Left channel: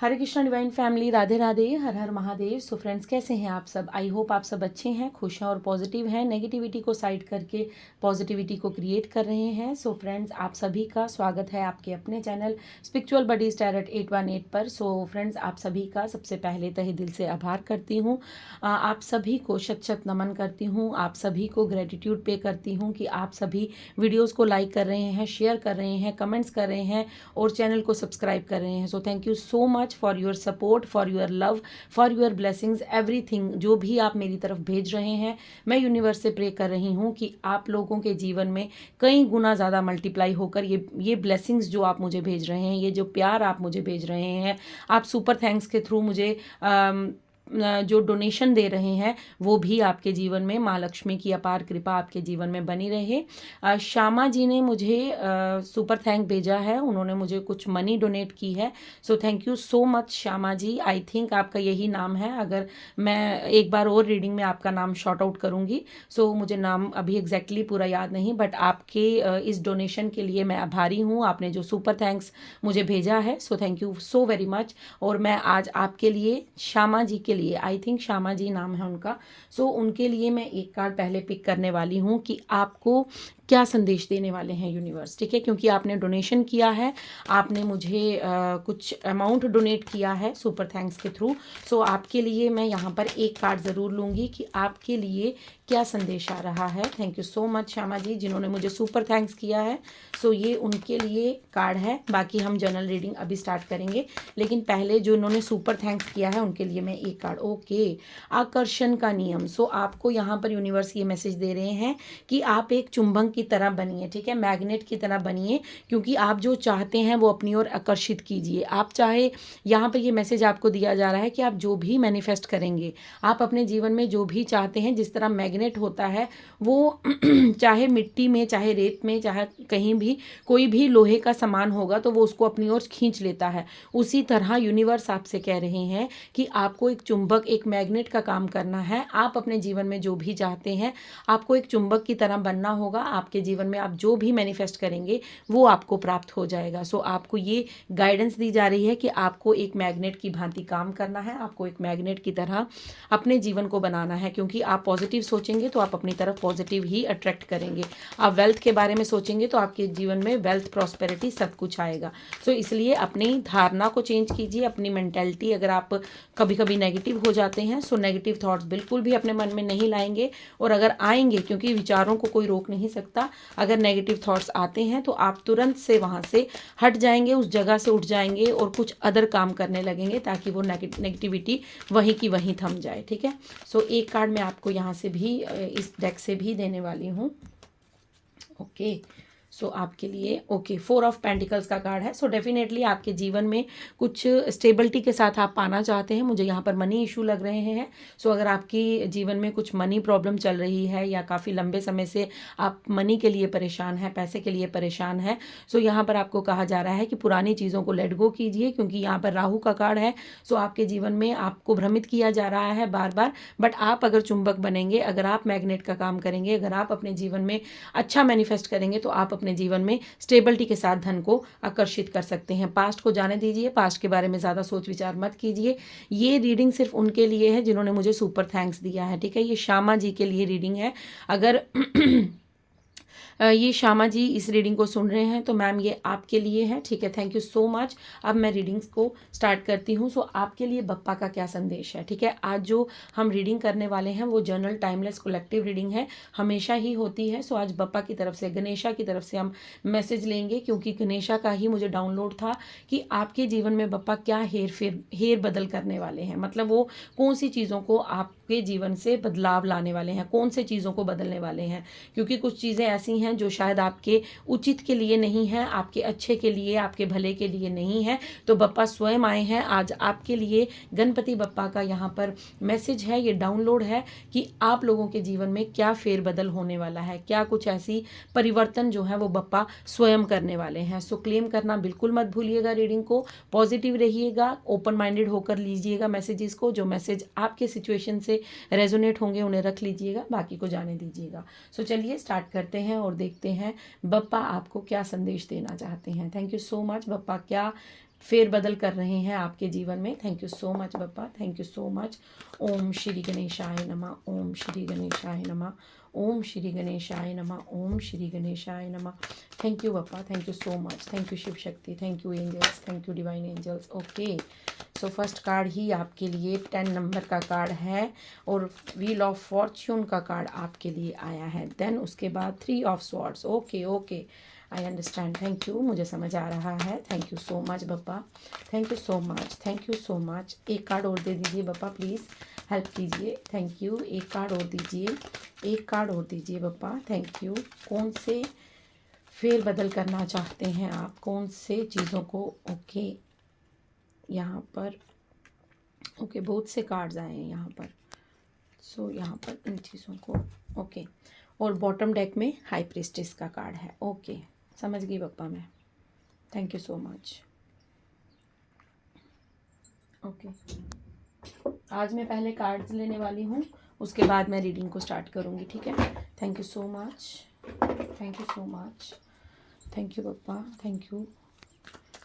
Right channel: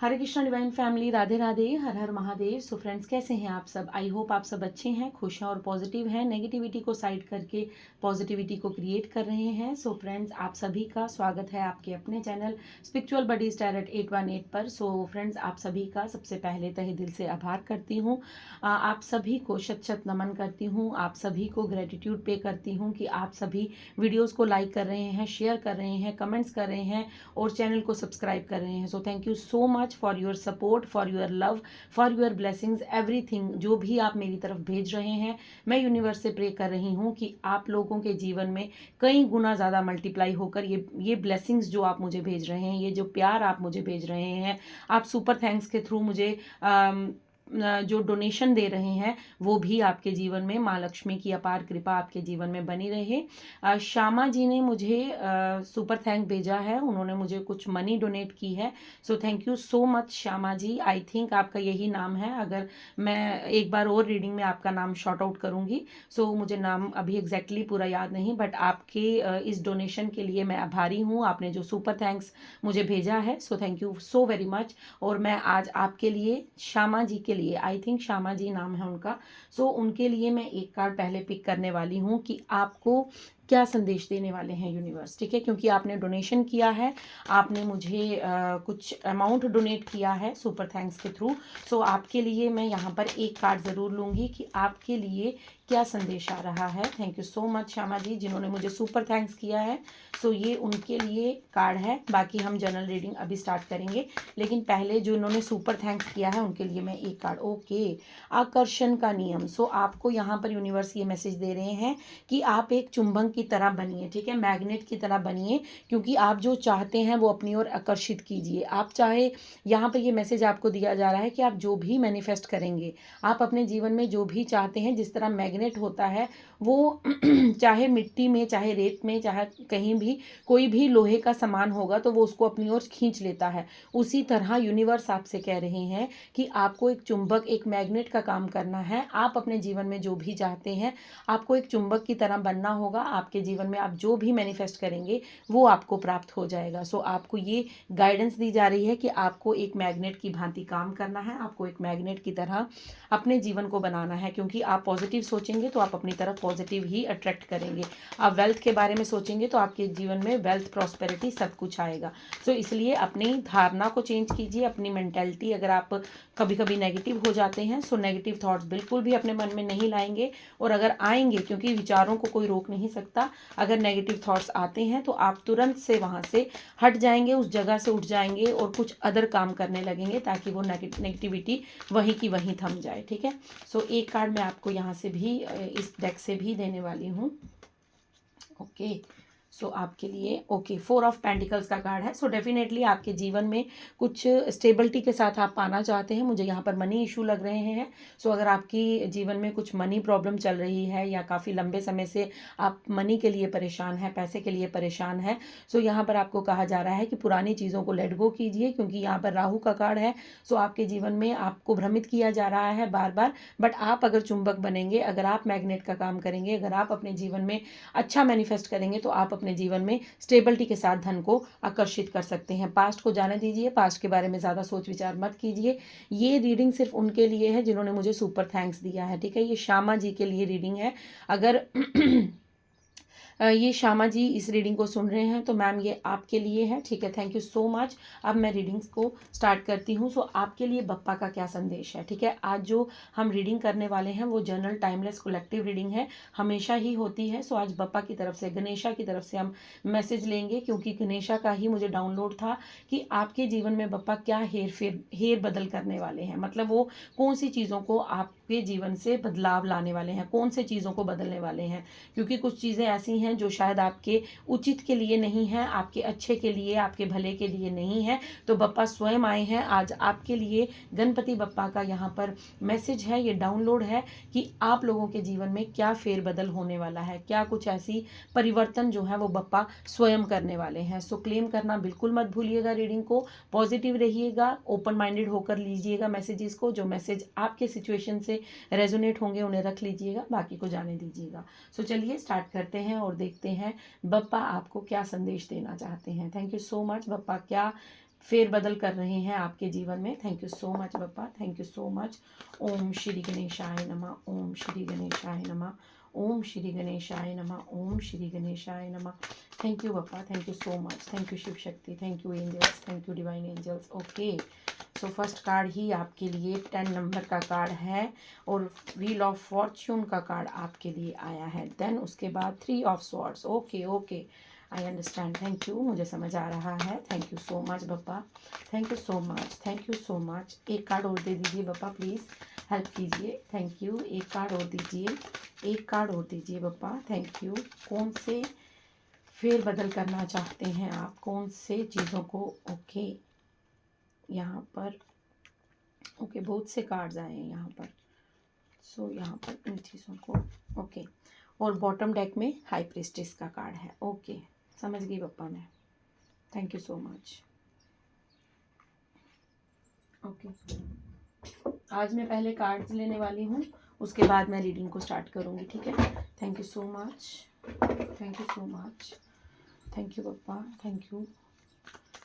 हरे Krishna divine family, Radhe Radhe, हर हर Mahadev. So friends, कैसे हैं आप सब? आई होप आप सब अच्छे हैं, खुश हैं और पॉजिटिव हैं, नेगेटिविटी को साइड करके पॉजिटिविटी को क्रिएट कर रहे हैं। सो फ्रेंड्स, आप सभी का स्वागत है आपके अपने चैनल स्पिरिचुअल बडीज टैरोट 818 पर। सो फ्रेंड्स, आप सभी का सबसे पहले तहे दिल से आभार करती हूँ। आप सभी को शत शत नमन करती हूँ, आप सभी को ग्रेटिट्यूड पे करती हूँ कि आप सभी वीडियोज़ को लाइक कर रहे हैं, शेयर कर रहे हैं, कमेंट्स कर रहे हैं और चैनल को सब्सक्राइब कर रहे हैं। सो thank you so much for your support, for your love, for your blessings, everything जो भी आप मेरी तरफ भेज रहे हैं। मैं यूनिवर्स से प्रे कर रही हूँ कि आप लोगों के जीवन में कई गुना ज़्यादा मल्टीप्लाई होकर ये ब्लेसिंग्स जो आप मुझे भेज रहे हैं, ये जो प्यार आप मुझे भेज रहे हैं, आप सुपर थैंक्स के थ्रू मुझे जो डोनेशन दे रहे हैं, वो भी आपके जीवन में माँ लक्ष्मी की अपार कृपा आपके जीवन में बनी रहे। श्यामा जी ने मुझे सुपर थैंक भेजा है, उन्होंने मुझे कुछ मनी डोनेट की है। So thank you so much Shyama ji. I think आपका यही नाम है, अगर मैं एक बार और रीडिंग में आपका नाम शॉर्ट आउट करूँगी। सो मुझे नाम अभी एग्जैक्टली पूरा याद नहीं, बट आपके इस डोनेशन के लिए मैं आभारी हूँ, आपने जो सुपर थैंक्स मुझे भेजा है। So thank you so very much. और मैं आज आपके लिए, श्यामा जी के लिए, आई थिंक श्यामा जी नाम है उनका, सो उनके लिए मैं एक कार्ड पहले पिक करने वाली हूँ कि आपको क्या संदेश देने वाले हैं यूनिवर्स। ठीक है, क्योंकि आपने डोनेशन किया है, आपने मुझे कुछ अमाउंट डोनेट किया है सुपर थैंक्स के थ्रू। सो आपके लिए मैं यहाँ पर एक कार्ड ज़रूर लूँगी कि आपके लिए क्या संदेश आ रहा है। Thank you so much Shyama ji, जिन्होंने मुझे सुपर थैंक्स किया है। सो ये उनके लिए कार्ड है, बाकी हम जनरल रीडिंग अभी स्टार्ट करेंगे, लेकिन पहले जो इन्होंने सुपर थैंक्स किया है उनके लिए मैं एक कार्ड। ओके, आकर्षण का नियम। सो आपको यहाँ पर यूनिवर्स ये मैसेज दे रहे हैं कि आप एक चुंबक की तरह बनिए, ठीक है, मैग्नेट की तरह बनिए, क्योंकि आप जो चाहते हैं वो अपनी ओर आकर्षित कीजिए। आप चाहे, यहाँ पर ये मैसेज आपको दिया जा रहा है कि आप जो भी मैनिफेस्ट करेंगे, आप अपने जीवन में जो भी चाहते हैं, जिस तरह मैग्नेट होता है वो चाहे मिट्टी में, चाहे रेत में, चाहे कहीं भी कोई भी लोहे का सामान होगा तो वो उसको अपनी ओर खींच लेता है। उसी तरह यूनिवर्स आपसे कह रहे हैं कि आपको एक चुंबक, एक मैग्नेट का काम करना है। आप अपने जीवन में जो भी चाहते हैं, आपको एक चुंबक की तरह बनना होगा। आपके जीवन में आप जो भी मैनिफेस्ट करेंगे वो आपको प्राप्त हो जाएगा। सो आपको ये गाइडेंस दी जा रही है कि आपको एक मैग्नेट की भांति काम करना है, आपको एक मैग्नेट की तरह अपने जीवन को बनाना है, क्योंकि आप पॉजिटिव सोचेंगे तो आप अपनी तरफ पॉजिटिव ही अट्रैक्ट करेंगे। आप वेल्थ के बारे में सोचेंगे तो आपके जीवन में वेल्थ, प्रॉस्पेरिटी सब कुछ आएगा। सो इसलिए अपनी धारणा को चेंज कीजिए, अपनी मेंटेलिटी। अगर आप कभी कभी नेगेटिव हो जाते हैं, सो नेगेटिव थॉट्स बिल्कुल भी अपने मन में नहीं लाएंगे, और अगर आएंगे, क्योंकि विचारों को कोई रोक नहीं सकता, अगर नेगेटिव थॉट्स आते हैं तो आप तुरंत से वहाँ से हट जाएंगे, उस जगह से उठ जाएंगे और कुछ अदर काम करने लगेंगे, ताकि वो नेगेटिविटी वहीं की वहीं थम जाए। ठीक है, सो एक कार्ड मैं आपको यहाँ से भी, इस डेक से भी देने वाली हूँ। ओके, सो आपके लिए ओके, 4 ऑफ पेंटिकल्स का कार्ड है। सो डेफिनेटली आपके जीवन में कुछ स्टेबिलिटी के साथ आप पाना चाहते हैं। मुझे यहाँ पर मनी इशू लग रहे हैं। सो अगर आपकी जीवन में कुछ मनी प्रॉब्लम चल रही है या काफ़ी लंबे समय से आप मनी के लिए परेशान हैं, पैसे के लिए परेशान हैं, सो यहाँ पर आपको कहा जा रहा है कि पुरानी चीज़ों को लेट गो कीजिए, क्योंकि यहाँ पर राहु का कार्ड है। सो आपके जीवन में आपको भ्रमित किया जा रहा है बार बार, बट आप अगर चुंबक बनेंगे, अगर आप मैग्नेट का काम करेंगे, अगर आप अपने जीवन में अच्छा मैनिफेस्ट करेंगे, तो आप अपने जीवन में स्टेबिलिटी के साथ धन को आकर्षित कर सकते हैं। पास्ट को जाने दीजिए, पास्ट के बारे में ज़्यादा सोच विचार मत कीजिए। ये रीडिंग सिर्फ उनके लिए है जिन्होंने मुझे सुपर थैंक्स दिया है। ठीक है, ये श्यामा जी के लिए रीडिंग है। अगर ये श्यामा जी इस रीडिंग को सुन रहे हैं तो मैम ये आपके लिए है। ठीक है, थैंक यू सो मच। अब मैं रीडिंग्स को स्टार्ट करती हूँ। सो आपके लिए बप्पा का क्या संदेश है। ठीक है, आज जो हम रीडिंग करने वाले हैं वो जनरल टाइमलेस कलेक्टिव रीडिंग है, हमेशा ही होती है। सो आज बप्पा की तरफ से, गणेशा की तरफ से हम मैसेज लेंगे, क्योंकि गणेशा का ही मुझे डाउनलोड था कि आपके जीवन में बप्पा क्या हेर बदल करने वाले हैं, मतलब वो कौन सी चीज़ों को आपके जीवन से बदलाव लाने वाले हैं, कौन से चीज़ों को बदलने वाले हैं, क्योंकि कुछ चीज़ें ऐसी हैं जो शायद आपके उचित के लिए नहीं है, आपके अच्छे के लिए, आपके भले के लिए नहीं है। तो बप्पा स्वयं आए हैं आज आपके लिए। गणपति बप्पा का यहाँ पर मैसेज है, ये डाउनलोड है कि आप लोगों के जीवन में क्या फेरबदल होने वाला है, क्या कुछ ऐसी परिवर्तन जो है वो बप्पा स्वयं करने वाले हैं। सो क्लेम करना बिल्कुल मत भूलिएगा, रीडिंग को पॉजिटिव रहिएगा, ओपन माइंडेड होकर लीजिएगा मैसेजेस को। जो मैसेज आपके सिचुएशन से रेजोनेट होंगे उन्हें रख लीजिएगा, बाकी को जाने दीजिएगा। सो चलिए स्टार्ट करते हैं और देखते हैं बप्पा आपको क्या संदेश देना चाहते हैं। Thank you so much. Bappa क्या फेरबदल कर रहे हैं आपके जीवन में। Thank you so much Bappa, thank you so much. Om Shri गणेशाय नमः, ओम श्री गणेशाय नमः, ओम श्री गणेशाय नमः, ओम श्री गणेशाय नमः। Thank you Bappa, thank you so much, thank you Shiv Shakti, thank you angels, thank you divine angels. Okay, so first card ही आपके लिए 10 नंबर का कार्ड है और व्हील ऑफ फॉर्च्यून का कार्ड आपके लिए आया है। देन उसके बाद 3 of swords. Okay okay, I understand, thank you, मुझे समझ आ रहा है। Thank you so much Bappa, thank you so much, thank you so much. एक कार्ड और दे दीजिए बप्पा, प्लीज़ हेल्प कीजिए। थैंक यू, एक कार्ड और दीजिए, एक कार्ड और दीजिए बप्पा, थैंक यू। कौन से फेर बदल करना चाहते हैं आप, कौन से चीज़ों को? ओके, यहाँ पर ओके बहुत से कार्ड्स आए हैं यहाँ पर। सो यहाँ पर इन चीज़ों को ओके, और बॉटम डेक में हाई प्रीस्टेस का कार्ड है। ओके, समझ गई बप्पा मैं, thank you so much. Okay, आज मैं पहले कार्ड्स लेने वाली हूँ, उसके बाद मैं रीडिंग को स्टार्ट करूँगी, ठीक है। Thank you so much, thank you so much, thank you Bappa, thank you,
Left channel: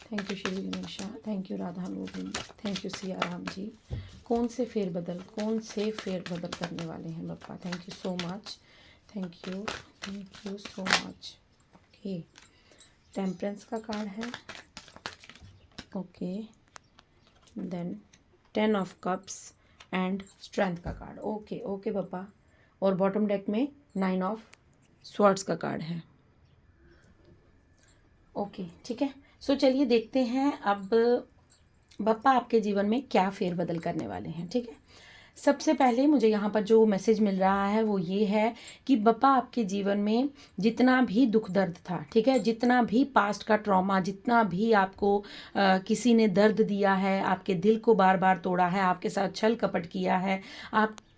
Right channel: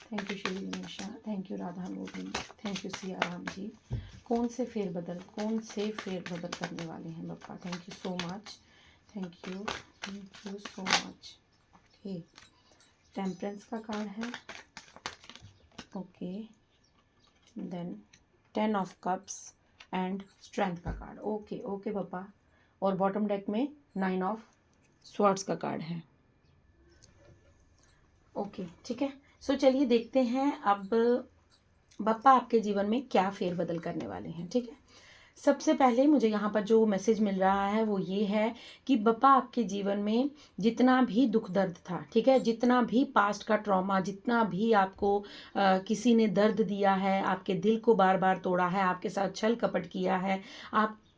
thank you Shri Ganesha, thank you Radha Modi, thank you Siya Ram ji. कौन से फेरबदल, कौन से फेरबदल करने वाले हैं Bappa? Thank you so much, thank you so much. Okay, temperance का कार्ड है। Okay, then 10 of cups and strength का कार्ड। ओके ओके बप्पा, और बॉटम डेक में 9 ऑफ स्वॉर्ड्स का कार्ड है। ओके ठीक है, सो चलिए देखते हैं अब बप्पा आपके जीवन में क्या फेरबदल करने वाले हैं, ठीक है। सबसे पहले मुझे यहाँ पर जो मैसेज मिल रहा है वो ये है कि बप्पा आपके जीवन में जितना भी दुख दर्द था, ठीक है, जितना भी पास्ट का ट्रॉमा, जितना भी आपको किसी ने दर्द दिया है, आपके दिल को बार बार तोड़ा है, आपके साथ छल कपट किया है,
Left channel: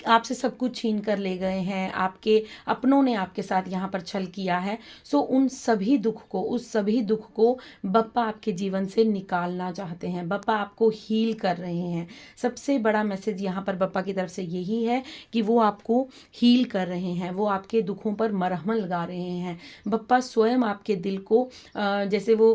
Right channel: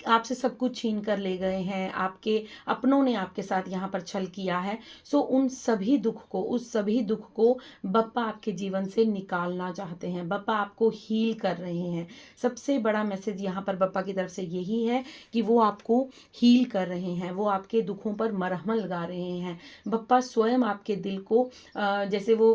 आपसे सब कुछ छीन कर ले गए हैं, आपके अपनों ने आपके साथ यहाँ पर छल किया है। सो उन सभी दुख को, उस सभी दुख को बप्पा आपके जीवन से निकालना चाहते हैं, बप्पा आपको हील कर रहे हैं। सबसे बड़ा मैसेज यहाँ पर बप्पा की तरफ से यही है कि वो आपको हील कर रहे हैं, वो आपके दुखों पर मरहम लगा रहे हैं। बप्पा स्वयं आपके दिल को जैसे वो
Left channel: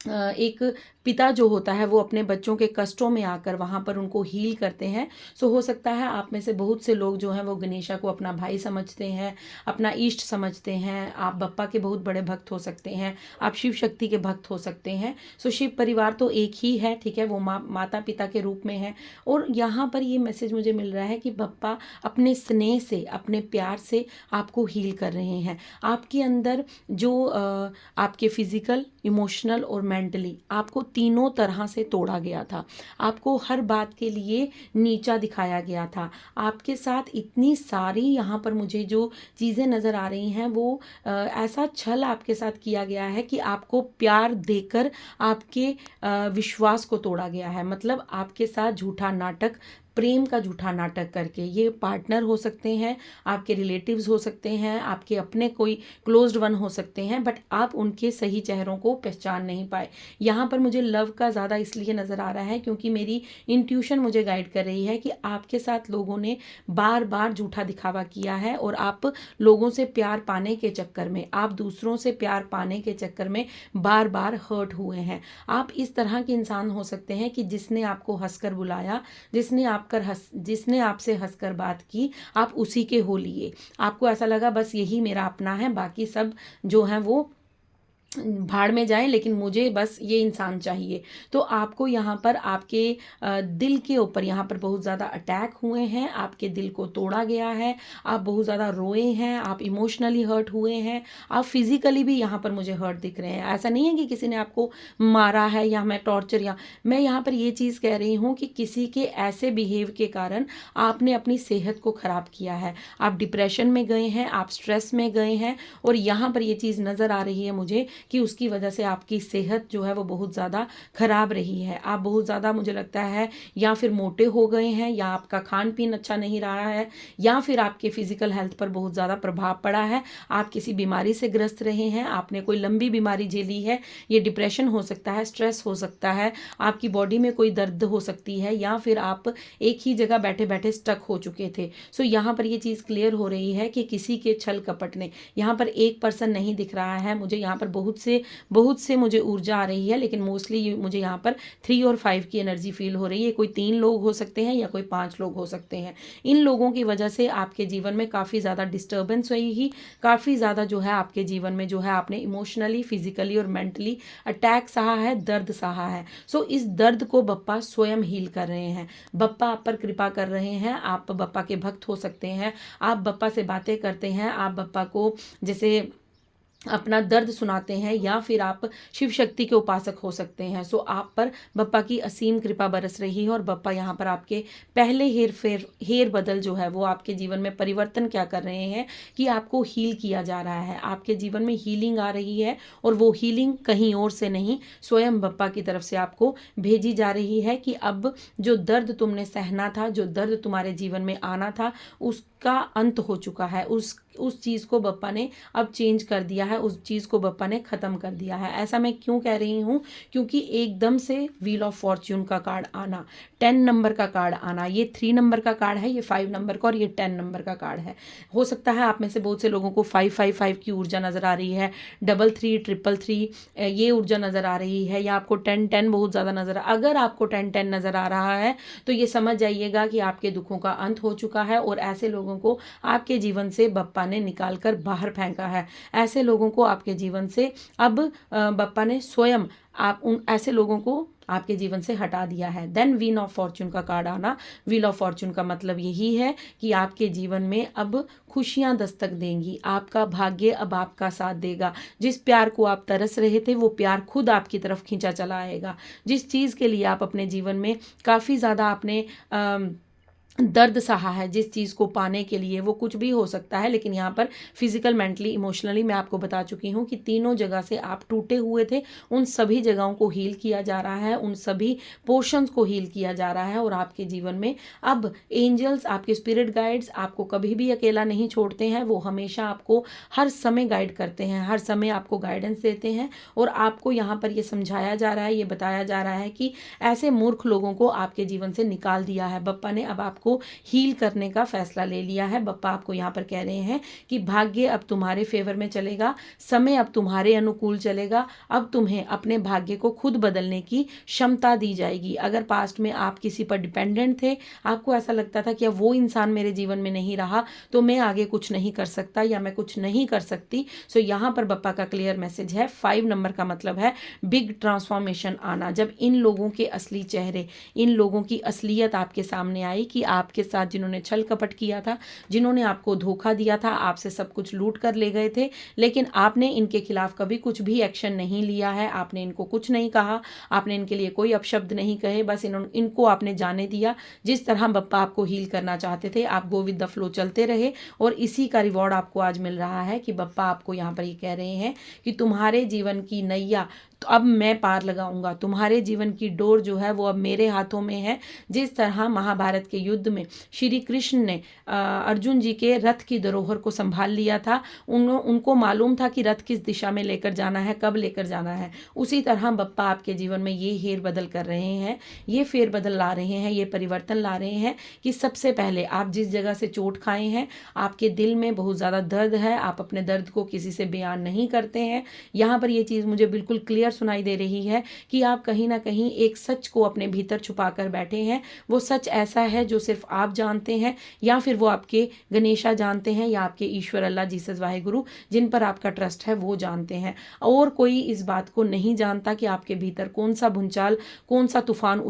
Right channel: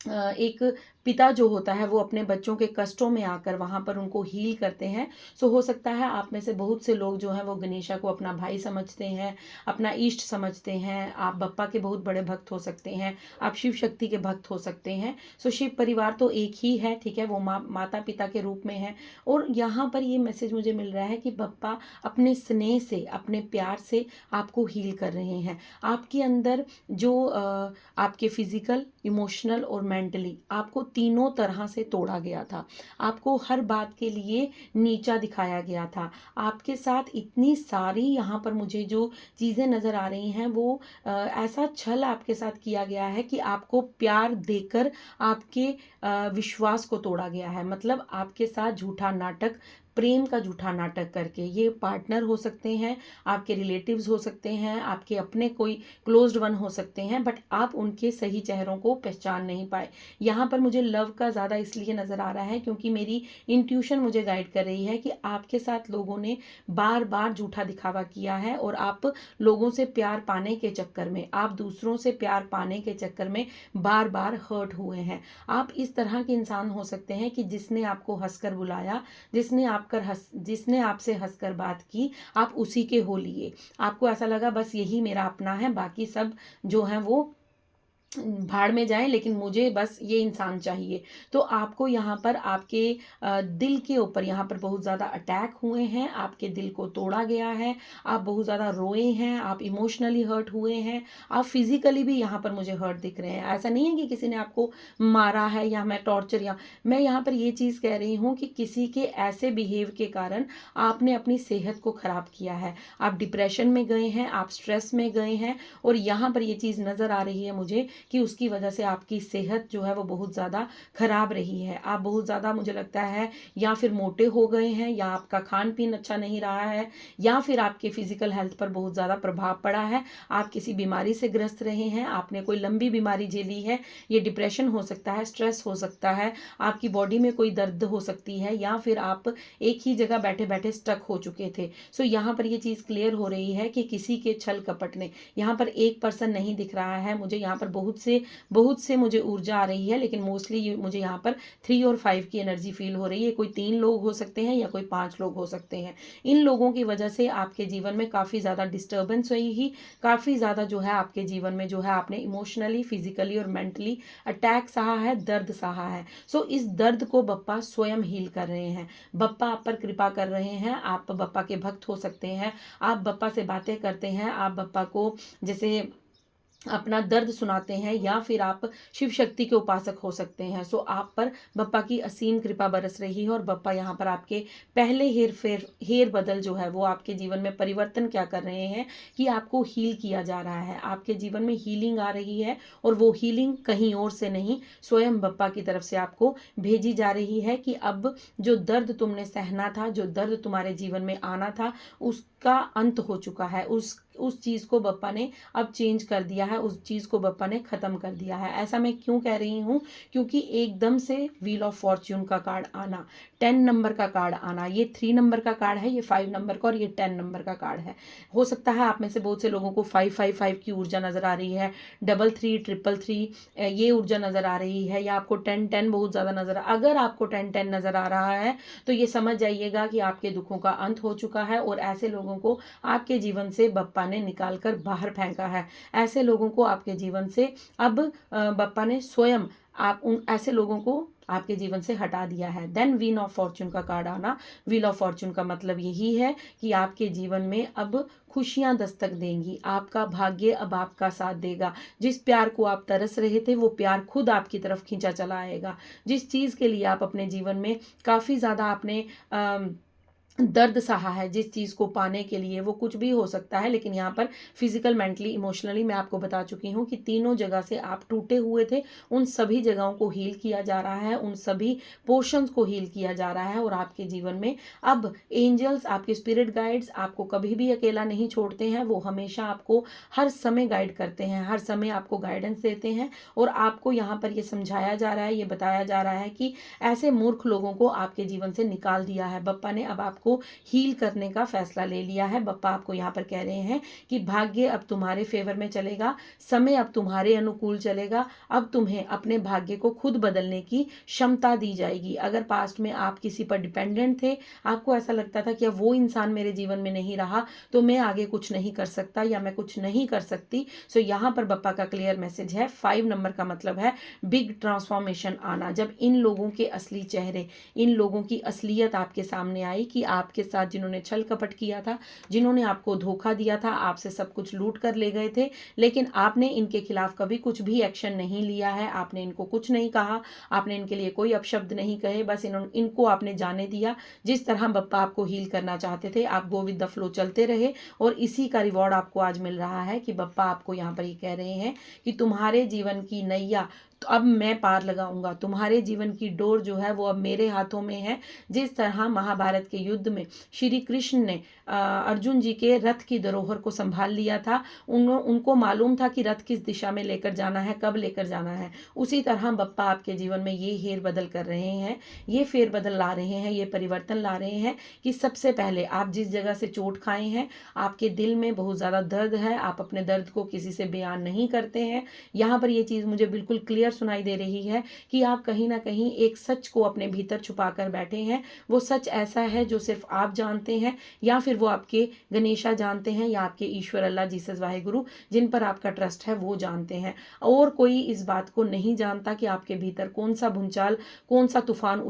एक पिता जो होता है वो अपने बच्चों के कष्टों में आकर वहाँ पर उनको हील करते हैं। सो हो सकता है आप में से बहुत से लोग जो हैं वो गणेशा को अपना भाई समझते हैं, अपना इष्ट समझते हैं, आप बप्पा के बहुत बड़े भक्त हो सकते हैं, आप शिव शक्ति के भक्त हो सकते हैं। सो शिव परिवार तो एक ही है, ठीक है, वो माता पिता के रूप में है। और यहाँ पर ये मैसेज मुझे मिल रहा है कि बप्पा अपने स्नेह से, अपने प्यार से आपको हील कर रहे हैं। आपके अंदर जो आपके फिजिकल, इमोशनल और मेंटली आपको तीनों तरह से तोड़ा गया था, आपको हर बात के लिए नीचा दिखाया गया था, आपके साथ इतनी सारी यहाँ पर मुझे जो चीज़ें नज़र आ रही हैं वो ऐसा छल आपके साथ किया गया है कि आपको प्यार देकर आपके विश्वास को तोड़ा गया है। मतलब आपके साथ झूठा नाटक, प्रेम का झूठा नाटक करके, ये पार्टनर हो सकते हैं, आपके रिलेटिव्स हो सकते हैं, आपके अपने कोई क्लोज्ड वन हो सकते हैं, बट आप उनके सही चेहरों को पहचान नहीं पाए। यहाँ पर मुझे लव का ज़्यादा इसलिए नज़र आ रहा है क्योंकि मेरी इंट्यूशन मुझे गाइड कर रही है कि आपके साथ लोगों ने बार बार झूठा दिखावा किया है और आप लोगों से प्यार पाने के चक्कर में, आप दूसरों से प्यार पाने के चक्कर में बार बार हर्ट हुए हैं। आप इस तरह के इंसान हो सकते हैं कि जिसने आपको हंसकर बुलाया, जिसने आपसे हंसकर बात की, आप उसी के हो लिए। आपको ऐसा लगा बस यही मेरा अपना है, बाकी सब जो है वो भाड़ में जाए, लेकिन मुझे बस ये इंसान चाहिए। तो आपको यहाँ पर आपके दिल के ऊपर यहाँ पर बहुत ज़्यादा अटैक हुए हैं, आपके दिल को तोड़ा गया है, आप बहुत ज़्यादा रोए हैं, आप इमोशनली हर्ट हुए हैं, आप फिजिकली भी यहाँ पर मुझे हर्ट दिख रहे हैं। ऐसा नहीं है कि किसी ने आपको मारा है या मैं टॉर्चर, या मैं यहाँ पर ये चीज़ कह रही हूँ कि किसी के ऐसे बिहेव के कारण आपने अपनी सेहत को ख़राब किया है, आप डिप्रेशन में गए हैं, आप स्ट्रेस में गए हैं, और यहाँ पर ये चीज़ नज़र आ रही है मुझे कि उसकी वजह से आपकी सेहत जो है वो बहुत ज़्यादा ख़राब रही है। आप बहुत ज़्यादा, मुझे लगता है, या फिर मोटे हो गए हैं, या आपका खान पीन अच्छा नहीं रहा है, या फिर आपके फिजिकल हेल्थ पर बहुत ज़्यादा प्रभाव पड़ा है, आप किसी बीमारी से ग्रस्त रहे हैं, आपने कोई लंबी बीमारी झेली है, ये डिप्रेशन हो सकता है, स्ट्रेस हो सकता है, आपकी बॉडी में कोई दर्द हो सकती है, या फिर आप एक ही जगह बैठे बैठे स्टक हो चुके थे। सो यहाँ पर ये चीज़ क्लियर हो रही है कि किसी के छल कपट ने, यहाँ पर एक पर्सन नहीं दिख रहा है मुझे, यहाँ पर बहुत बहुत से मुझे ऊर्जा आ रही है, लेकिन मोस्टली मुझे यहाँ पर 3 और 5 की एनर्जी फील हो रही है। कोई 3 लोग हो सकते हैं या कोई 5 लोग हो सकते हैं। इन लोगों की वजह से आपके जीवन में काफ़ी ज़्यादा डिस्टर्बेंस हुई ही, काफ़ी ज़्यादा जो है आपके जीवन में जो है आपने इमोशनली, फिजिकली और मेंटली अटैक सहा है, दर्द सहा है। सो इस दर्द को बप्पा स्वयं हील कर रहे हैं। बप्पा आप पर कृपा कर रहे हैं। आप बप्पा के भक्त हो सकते हैं। आप बप्पा से बातें करते हैं। आप बप्पा को जैसे अपना दर्द सुनाते हैं, या फिर आप शिव शक्ति के उपासक हो सकते हैं। सो आप पर बप्पा की असीम कृपा बरस रही है, और बप्पा यहाँ पर आपके पहले हेर बदल जो है वो आपके जीवन में परिवर्तन क्या कर रहे हैं कि आपको हील किया जा रहा है। आपके जीवन में हीलिंग आ रही है, और वो हीलिंग कहीं और से नहीं, स्वयं बप्पा की तरफ से आपको भेजी जा रही है कि अब जो दर्द तुमने सहना था, जो दर्द तुम्हारे जीवन में आना था, उसका अंत हो चुका है। उस चीज़ को बप्पा ने अब चेंज कर दिया है, उस चीज़ को बप्पा ने ख़त्म कर दिया है। ऐसा मैं क्यों कह रही हूँ? क्योंकि एकदम से व्हील ऑफ फॉर्च्यून का कार्ड आना, 10 नंबर का कार्ड आना, ये 3 नंबर का कार्ड है, ये 5 नंबर का, और ये 10 नंबर का कार्ड है। हो सकता है आप में से बहुत से लोगों को 555 की ऊर्जा नज़र आ रही है, 33 333 ये ऊर्जा नज़र आ रही है, या आपको 10 बहुत ज़्यादा नज़र अगर आपको 10 नज़र आ रहा है तो ये समझ जाइएगा कि आपके दुखों का अंत हो चुका है, और ऐसे लोगों को आपके जीवन से बप्पा ने निकाल कर बाहर फेंका है। ऐसे लोगों को आपके जीवन से अब बप्पा ने स्वयं आप उन ऐसे लोगों को आपके जीवन से हटा दिया है। देन व्हील ऑफ फॉर्च्यून का कार्ड आना, व्हील ऑफ फॉर्च्यून का मतलब यही है कि आपके जीवन में अब खुशियां दस्तक देंगी, आपका भाग्य अब आपका साथ देगा। जिस प्यार को आप तरस रहे थे, वो प्यार खुद आपकी तरफ खींचा चला आएगा। जिस चीज़ के लिए आप अपने जीवन में काफ़ी ज़्यादा आपने दर्द सहा है, जिस चीज़ को पाने के लिए, वो कुछ भी हो सकता है, लेकिन यहाँ पर फिजिकल, मेंटली, इमोशनली मैं आपको बता चुकी हूँ कि तीनों जगह से आप टूटे हुए थे। उन सभी जगहों को हील किया जा रहा है, उन सभी पोर्शंस को हील किया जा रहा है, और आपके जीवन में अब एंजल्स, आपके स्पिरिट गाइड्स आपको कभी भी अकेला नहीं छोड़ते हैं। वो हमेशा आपको हर समय गाइड करते हैं, हर समय आपको गाइडेंस देते हैं, और आपको यहाँ पर ये समझाया जा रहा है, ये बताया जा रहा है कि ऐसे मूर्ख लोगों को आपके जीवन से निकाल दिया है। बप्पा ने अब आपको हील करने का फैसला ले लिया है। बप्पा आपको यहाँ पर कह रहे हैं कि भाग्य अब तुम्हारे फेवर में चलेगा, समय अब तुम्हारे अनुकूल चलेगा। अब तुम्हें अपने भाग्य को खुद बदलने की क्षमता दी जाएगी। अगर पास्ट में आप किसी पर डिपेंडेंट थे, आपको ऐसा लगता था कि अब वो इंसान मेरे जीवन में नहीं रहा तो मैं आगे कुछ नहीं कर सकता या मैं कुछ नहीं कर सकती, सो यहाँ पर बप्पा का क्लियर मैसेज है। 5 नंबर का मतलब है बिग ट्रांसफॉर्मेशन आना। जब इन लोगों के असली चेहरे, इन लोगों की असलियत आपके सामने आई कि आपके साथ जिन्होंने छल कपट किया था, जिन्होंने आपको धोखा दिया था, आपसे सब कुछ लूट कर ले गए थे, लेकिन आपने इनके खिलाफ कभी कुछ भी एक्शन नहीं लिया है। आपने इनको कुछ नहीं कहा, आपने इनके लिए कोई अपशब्द नहीं कहे, बस इनको आपने जाने दिया। जिस तरह बप्पा आपको हील करना चाहते थे, आप गो विद द फ्लो चलते रहे, और इसी का रिवॉर्ड आपको आज मिल रहा है कि बप्पा आपको यहाँ पर ये कह रहे हैं कि तुम्हारे जीवन की नैया तो अब मैं पार लगाऊंगा, तुम्हारे जीवन की डोर जो है वो अब मेरे हाथों में है। जिस तरह महाभारत के युद्ध में श्री कृष्ण ने अर्जुन जी के रथ की धरोहर को संभाल लिया था, उनको मालूम था कि रथ किस दिशा में लेकर जाना है, कब लेकर जाना है, उसी तरह बप्पा आपके जीवन में ये हेर बदल कर रहे हैं, ये फेर बदल ला रहे हैं, ये परिवर्तन ला रहे हैं कि सबसे पहले आप जिस जगह से चोट खाए हैं, आपके दिल में बहुत ज़्यादा दर्द है, आप अपने दर्द को किसी से बयान नहीं करते हैं। यहाँ पर ये चीज़ मुझे बिल्कुल क्लियर सुनाई दे रही है कि आप कहीं ना कहीं एक सच को अपने भीतर छुपा कर बैठे हैं। वो सच ऐसा है जो सिर्फ आप जानते हैं, या फिर वो आपके गणेशा जानते हैं, या आपके ईश्वर, अल्लाह, जीसस, वाहेगुरु, जिन पर आपका ट्रस्ट है वो जानते हैं। और कोई इस बात को नहीं जानता कि आपके भीतर कौन सा भूचाल, कौन सा तूफान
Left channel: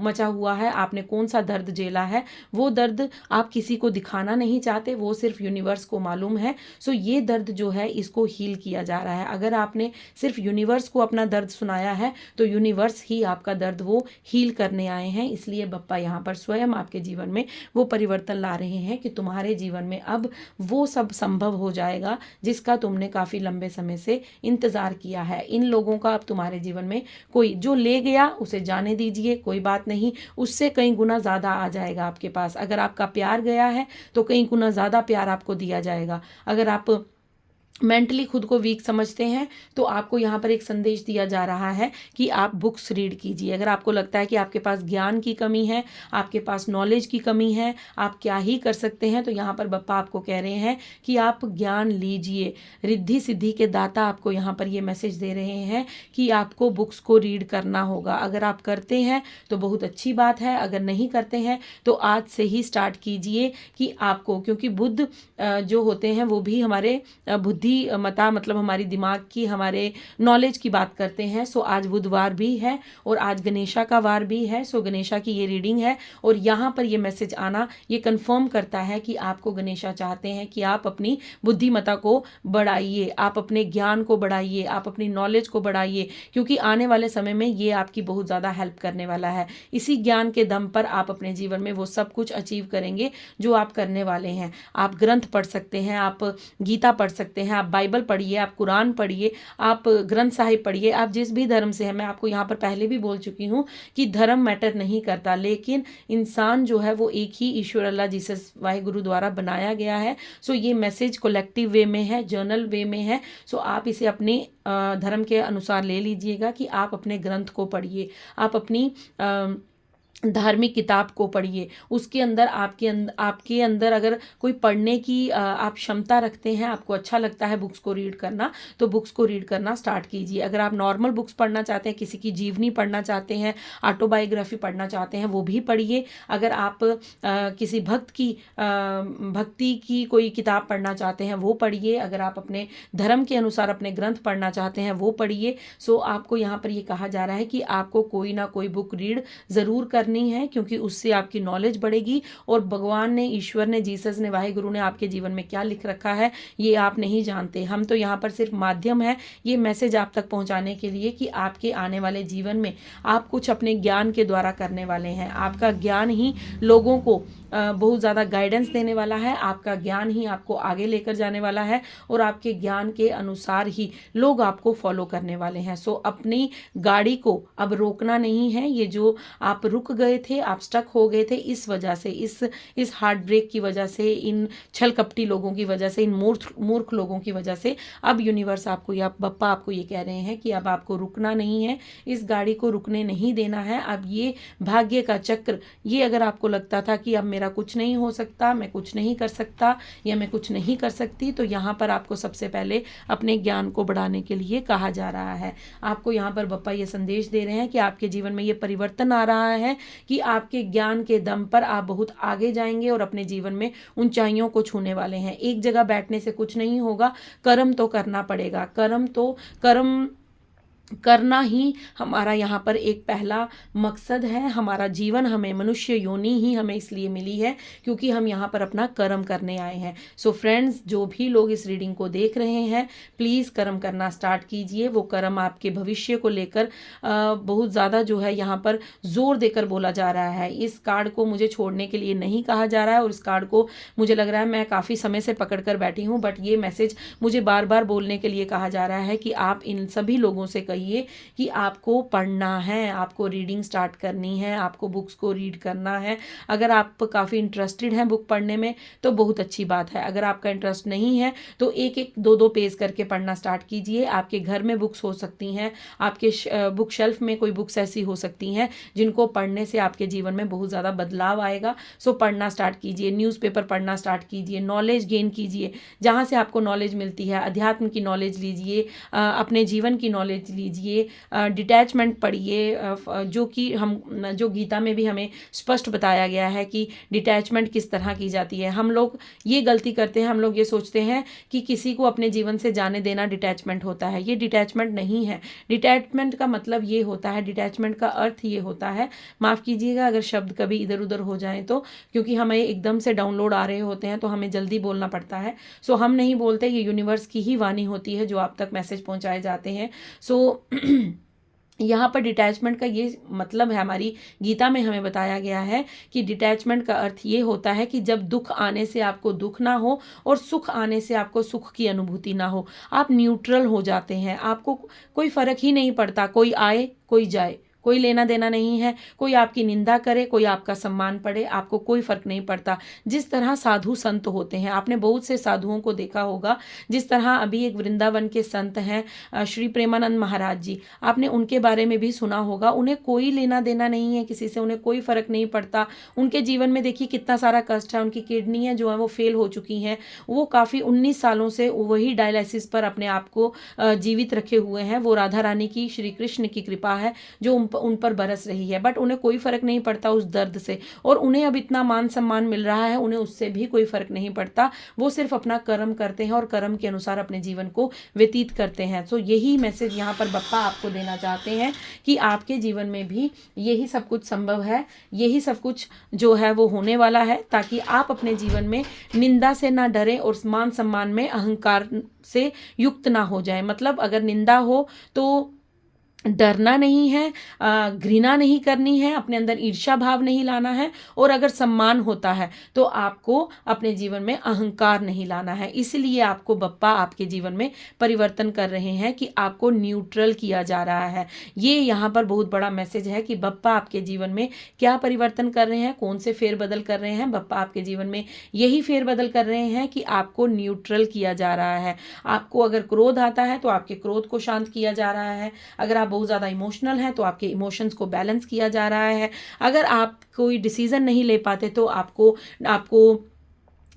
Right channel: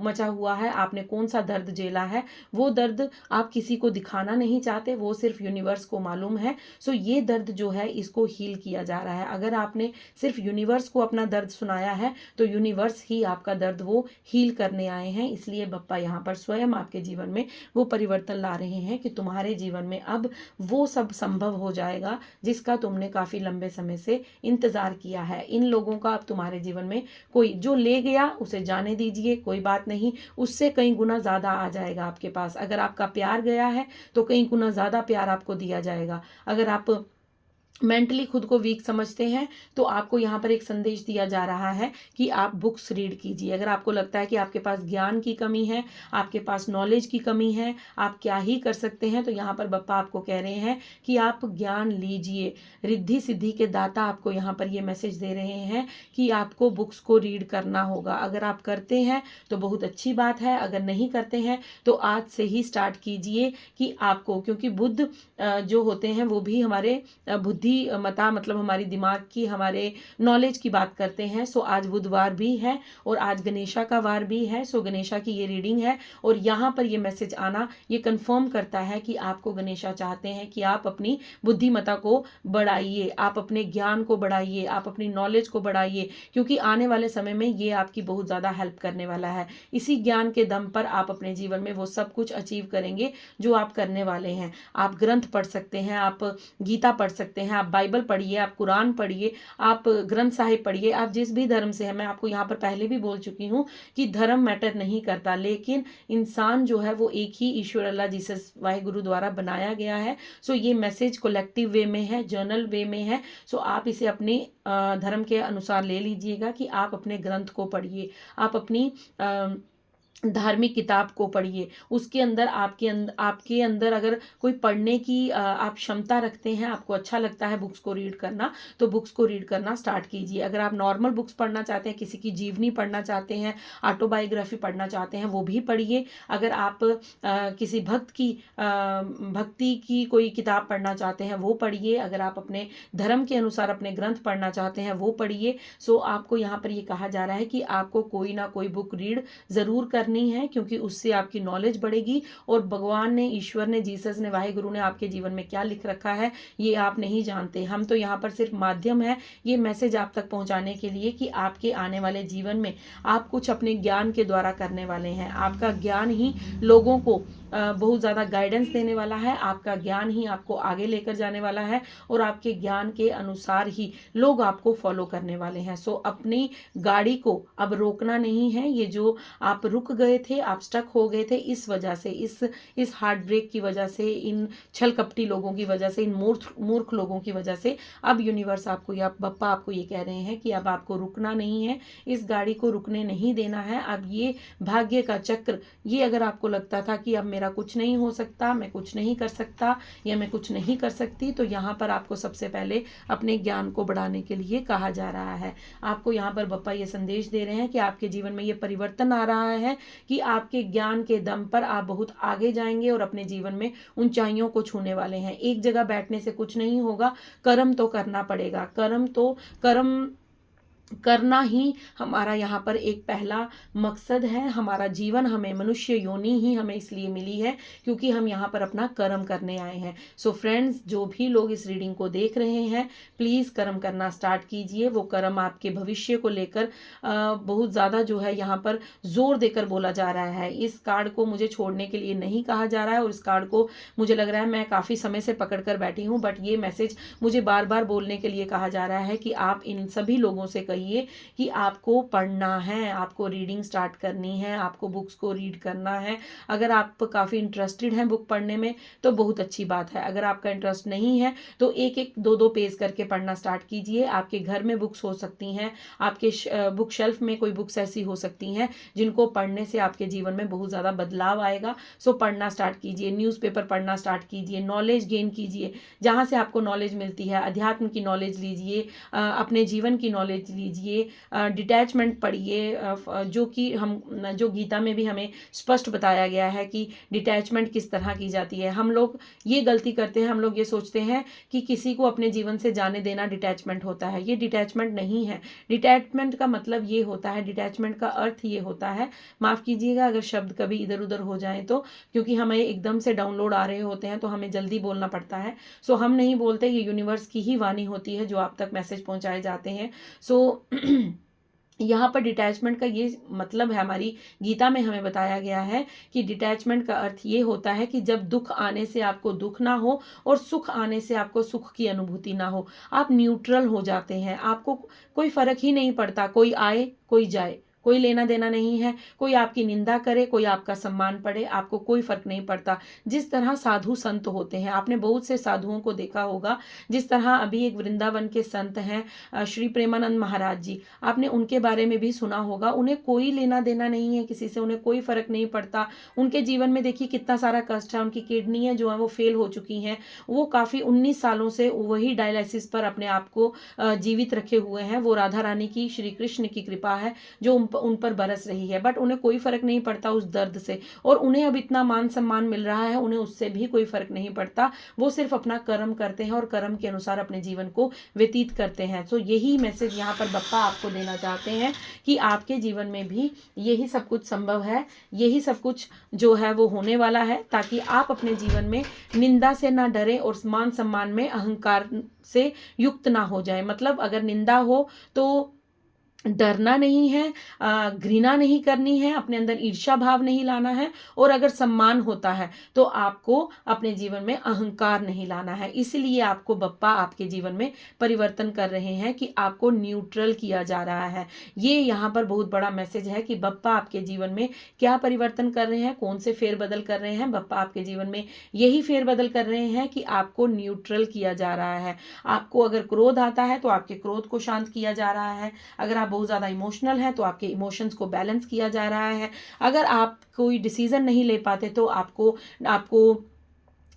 मचा हुआ है, आपने कौन सा दर्द झेला है। वो दर्द आप किसी को दिखाना नहीं चाहते, वो सिर्फ यूनिवर्स को मालूम है। सो ये दर्द जो है इसको हील किया जा रहा है। अगर आपने सिर्फ यूनिवर्स को अपना दर्द सुनाया है तो यूनिवर्स ही आपका दर्द वो हील करने आए हैं। इसलिए बप्पा यहाँ पर स्वयं आपके जीवन में वो परिवर्तन ला रहे हैं कि तुम्हारे जीवन में अब वो सब संभव हो जाएगा जिसका तुमने काफी लंबे समय से इंतजार किया है। इन लोगों का अब तुम्हारे जीवन में कोई जो ले गया उसे जाने दीजिए, कोई बात नहीं, उससे कई गुना ज्यादा आ जाएगा आपके पास। अगर आपका प्यार गया है तो कई गुना ज्यादा प्यार आपको दिया जाएगा। अगर आप मेंटली खुद को वीक समझते हैं, तो आपको यहाँ पर एक संदेश दिया जा रहा है कि आप बुक्स रीड कीजिए। अगर आपको लगता है कि आपके पास ज्ञान की कमी है, आपके पास नॉलेज की कमी है, आप क्या ही कर सकते हैं, तो यहाँ पर बप्पा आपको कह रहे हैं कि आप ज्ञान लीजिए। रिद्धि सिद्धि के दाता आपको यहाँ पर ये मैसेज दे रहे हैं कि आपको बुक्स को रीड करना होगा। अगर आप करते हैं तो बहुत अच्छी बात है, अगर नहीं करते हैं तो आज से ही स्टार्ट कीजिए कि आपको, क्योंकि बुद्ध जो होते हैं वो भी हमारे बुद्धि मता मतलब हमारी दिमाग की, हमारे नॉलेज की बात करते हैं। सो आज बुधवार भी है और आज गणेशा का वार भी है। सो गणेशा की ये रीडिंग है और यहाँ पर ये मैसेज आना ये कंफर्म करता है कि आपको गणेशा चाहते हैं कि आप अपनी बुद्धिमता को बढ़ाइए, आप अपने ज्ञान को बढ़ाइए, आप अपनी नॉलेज को बढ़ाइए, क्योंकि आने वाले समय में ये आपकी बहुत ज़्यादा हेल्प करने वाला है। इसी ज्ञान के दम पर आप अपने जीवन में वो सब कुछ अचीव करेंगे जो आप करने वाले हैं। आप ग्रंथ पढ़ सकते हैं, आप गीता पढ़ सकते हैं, आप बाइबल पढ़िए, आप कुरान पढ़िए, आप ग्रंथ साहिब पढ़िए, आप जिस भी धर्म से हैं। मैं आपको यहाँ पर पहले भी बोल चुकी हूँ कि धर्म मैटर नहीं करता, लेकिन इंसान जो है वो एक ही ईश्वर अल्लाह जीसस वाहिगुरु द्वारा बनाया गया है। सो ये मैसेज कलेक्टिव वे में है, जर्नल वे में है। सो आप इसे अपने धर्म के अनुसार ले लीजिएगा कि आप अपने ग्रंथ को पढ़िए, आप अपनी धार्मिक किताब को पढ़िए। उसके अंदर आपके अंदर अगर कोई पढ़ने की आप क्षमता रखते हैं, आपको अच्छा लगता है बुक्स को रीड करना, तो बुक्स को रीड करना स्टार्ट कीजिए। अगर आप नॉर्मल बुक्स पढ़ना चाहते हैं, किसी की जीवनी पढ़ना चाहते हैं, ऑटोबायोग्राफी पढ़ना चाहते हैं, वो भी पढ़िए। अगर आप किसी भक्ति की कोई किताब पढ़ना चाहते हैं, वो पढ़िए। अगर आप अपने धर्म के अनुसार अपने ग्रंथ पढ़ना चाहते हैं, वो पढ़िए। सो आपको यहाँ पर ये कहा जा रहा है कि आपको कोई ना कोई बुक रीड ज़रूर करनी है, क्योंकि उससे आपकी नॉलेज बढ़ेगी और भगवान ने, ईश्वर ने, जीसस ने, वाहिगुरु ने आपके जीवन में क्या लिख रखा है ये आप नहीं जानते। हम तो यहाँ पर सिर्फ माध्यम है ये मैसेज आप तक पहुँचाने के लिए कि आपके आने वाले जीवन में आप कुछ अपने ज्ञान के द्वारा करने वाले हैं। आपका ज्ञान ही लोगों को बहुत ज़्यादा गाइडेंस देने वाला है, आपका ज्ञान ही आपको आगे लेकर जाने वाला है और आपके ज्ञान के अनुसार ही लोग आपको फॉलो करने वाले हैं। सो अपनी गाड़ी को अब रोकना नहीं है। ये जो आप रुक गए थे, आप स्टक हो गए थे इस वजह से, इस हार्ट ब्रेक की वजह से, इन छल कपटी लोगों की वजह से, इन मूर्ख लोगों की वजह से, अब यूनिवर्स आपको या बप्पा आपको ये कह रहे हैं कि अब आपको रुकना नहीं है, इस गाड़ी को रुकने नहीं देना है। अब ये भाग्य का चक्र, ये अगर आपको लगता था कि अब मेरा कुछ नहीं हो सकता, मैं कुछ नहीं कर सकता या मैं कुछ नहीं कर सकती, तो यहाँ पर आपको सबसे पहले अपने ज्ञान को बढ़ाने के लिए कहा जा रहा है। आपको यहाँ पर बप्पा ये संदेश दे रहे हैं कि आपके जीवन में ये परिवर्तन आ रहा है कि आपके ज्ञान के दम पर आप बहुत आगे जाएंगे और अपने जीवन में ऊंचाइयों को छूने वाले हैं। एक जगह बैठने से कुछ नहीं होगा, कर्म तो करना पड़ेगा। कर्म करना ही हमारा यहाँ पर एक पहला मकसद है। हमारा जीवन, हमें मनुष्य योनि ही हमें इसलिए मिली है क्योंकि हम यहाँ पर अपना कर्म करने आए हैं। सो फ्रेंड्स, जो भी लोग इस रीडिंग को देख रहे हैं, प्लीज़ कर्म करना स्टार्ट कीजिए। वो कर्म आपके भविष्य को लेकर बहुत ज़्यादा जो है यहाँ पर जोर देकर बोला जा रहा है। इस कार्ड को मुझे छोड़ने के लिए नहीं कहा जा रहा है और इस कार्ड को मुझे लग रहा है मैं काफ़ी समय से पकड़ कर बैठी हूँ, बट ये मैसेज मुझे बार बार बोलने के लिए कहा जा रहा है कि आप इन सभी लोगों से कहिए कि आपको पढ़ना है, आपको रीडिंग स्टार्ट करनी है, आपको बुक्स को रीड करना है। अगर आप काफ़ी इंटरेस्टेड हैं बुक पढ़ने में तो बहुत अच्छी बात है। अगर आपका इंटरेस्ट नहीं है तो एक एक दो दो पेज करके पढ़ना स्टार्ट कीजिए। आपके घर में बुक्स हो सकती हैं, आपके बुक शेल्फ में कोई बुक्स ऐसी हो सकती हैं जिनको पढ़ने से आपके जीवन में बहुत ज़्यादा बदलाव आएगा। सो पढ़ना स्टार्ट कीजिए, न्यूज़पेपर पढ़ना स्टार्ट कीजिए, नॉलेज गेन कीजिए। जहाँ से आपको नॉलेज मिलती है, अध्यात्म की नॉलेज लीजिए, अपने जीवन की नॉलेज लीजिए, डिटैचमेंट पढ़िए, जो गीता में भी हमें स्पष्ट बताया गया है कि डिटैचमेंट किस तरह की जाती है। हम लोग ये गलती करते हैं, हम लोग ये सोचते हैं कि किसी को अपने जीवन से जाने देना डिटैचमेंट होता है। ये डिटैचमेंट नहीं है। डिटैचमेंट का मतलब ये होता है, डिटैचमेंट का अर्थ ये होता है, माफ़ कीजिएगा अगर शब्द कभी इधर उधर हो जाएं तो, क्योंकि हमें एकदम से डाउनलोड आ रहे होते हैं तो हमें जल्दी बोलना पड़ता है। सो हम नहीं बोलते, ये यूनिवर्स की ही वाणी होती है जो आप तक मैसेज पहुंचाए जाते हैं। सो यहाँ पर डिटैचमेंट का ये मतलब है, हमारी गीता में हमें बताया गया है कि डिटैचमेंट का अर्थ ये होता है कि जब दुख आने से आपको दुख ना हो और सुख आने से आपको सुख की अनुभूति ना हो, आप न्यूट्रल हो जाते हैं। आपको कोई फर्क ही नहीं पड़ता, कोई आए कोई जाए, कोई लेना देना नहीं है। कोई आपकी निंदा करे, कोई आपका सम्मान पड़े, आपको कोई फर्क नहीं पड़ता। जिस तरह साधु संत होते हैं, आपने बहुत से साधुओं को देखा होगा, जिस तरह अभी एक वृंदावन के संत हैं श्री प्रेमानंद महाराज जी, आपने उनके बारे में भी सुना होगा। उन्हें कोई लेना देना नहीं है किसी से, उन्हें कोई फर्क नहीं पड़ता। उनके जीवन में देखिए कितना सारा कष्ट है, उनकी किडनियां जो है वो फेल हो चुकी हैं, वो काफ़ी 19 सालों से वही डायलिसिस पर अपने आप को जीवित रखे हुए हैं। वो राधा रानी की, श्री कृष्ण की कृपा है जो उन पर बरस रही है, बट उन्हें कोई फर्क नहीं पड़ता उस दर्द से। और उन्हें अब इतना मान सम्मान मिल रहा है, उन्हें उससे भी कोई फर्क नहीं पड़ता। वो सिर्फ अपना कर्म करते हैं और कर्म के अनुसार अपने जीवन को व्यतीत करते हैं। तो यही मैसेज यहाँ पर बप्पा आपको देना चाहते हैं कि आपके जीवन में भी यही सब कुछ संभव है, यही सब कुछ जो है वो होने वाला है, ताकि आप अपने जीवन में निंदा से ना डरें और मान सम्मान में अहंकार से युक्त ना हो जाए। मतलब अगर निंदा हो तो डरना नहीं है, घृणा नहीं करनी है, अपने अंदर ईर्ष्या भाव नहीं लाना है, और अगर सम्मान होता है तो आपको अपने जीवन में अहंकार नहीं लाना है। इसलिए आपको बप्पा आपके जीवन में परिवर्तन कर रहे हैं कि आपको न्यूट्रल किया जा रहा है। ये यहाँ पर बहुत बड़ा मैसेज है कि बप्पा आपके जीवन में क्या परिवर्तन कर रहे हैं, कौन से फेरबदल कर रहे हैं। बप्पा आपके जीवन में यही फेरबदल कर रहे हैं कि आपको न्यूट्रल किया जा रहा है। आपको अगर क्रोध आता है तो आपके क्रोध को शांत किया जा रहा है। अगर आप बहुत ज़्यादा इमोशनल है तो आपके इमोशंस को बैलेंस किया जा रहा है। अगर आप कोई डिसीजन नहीं ले पाते तो आपको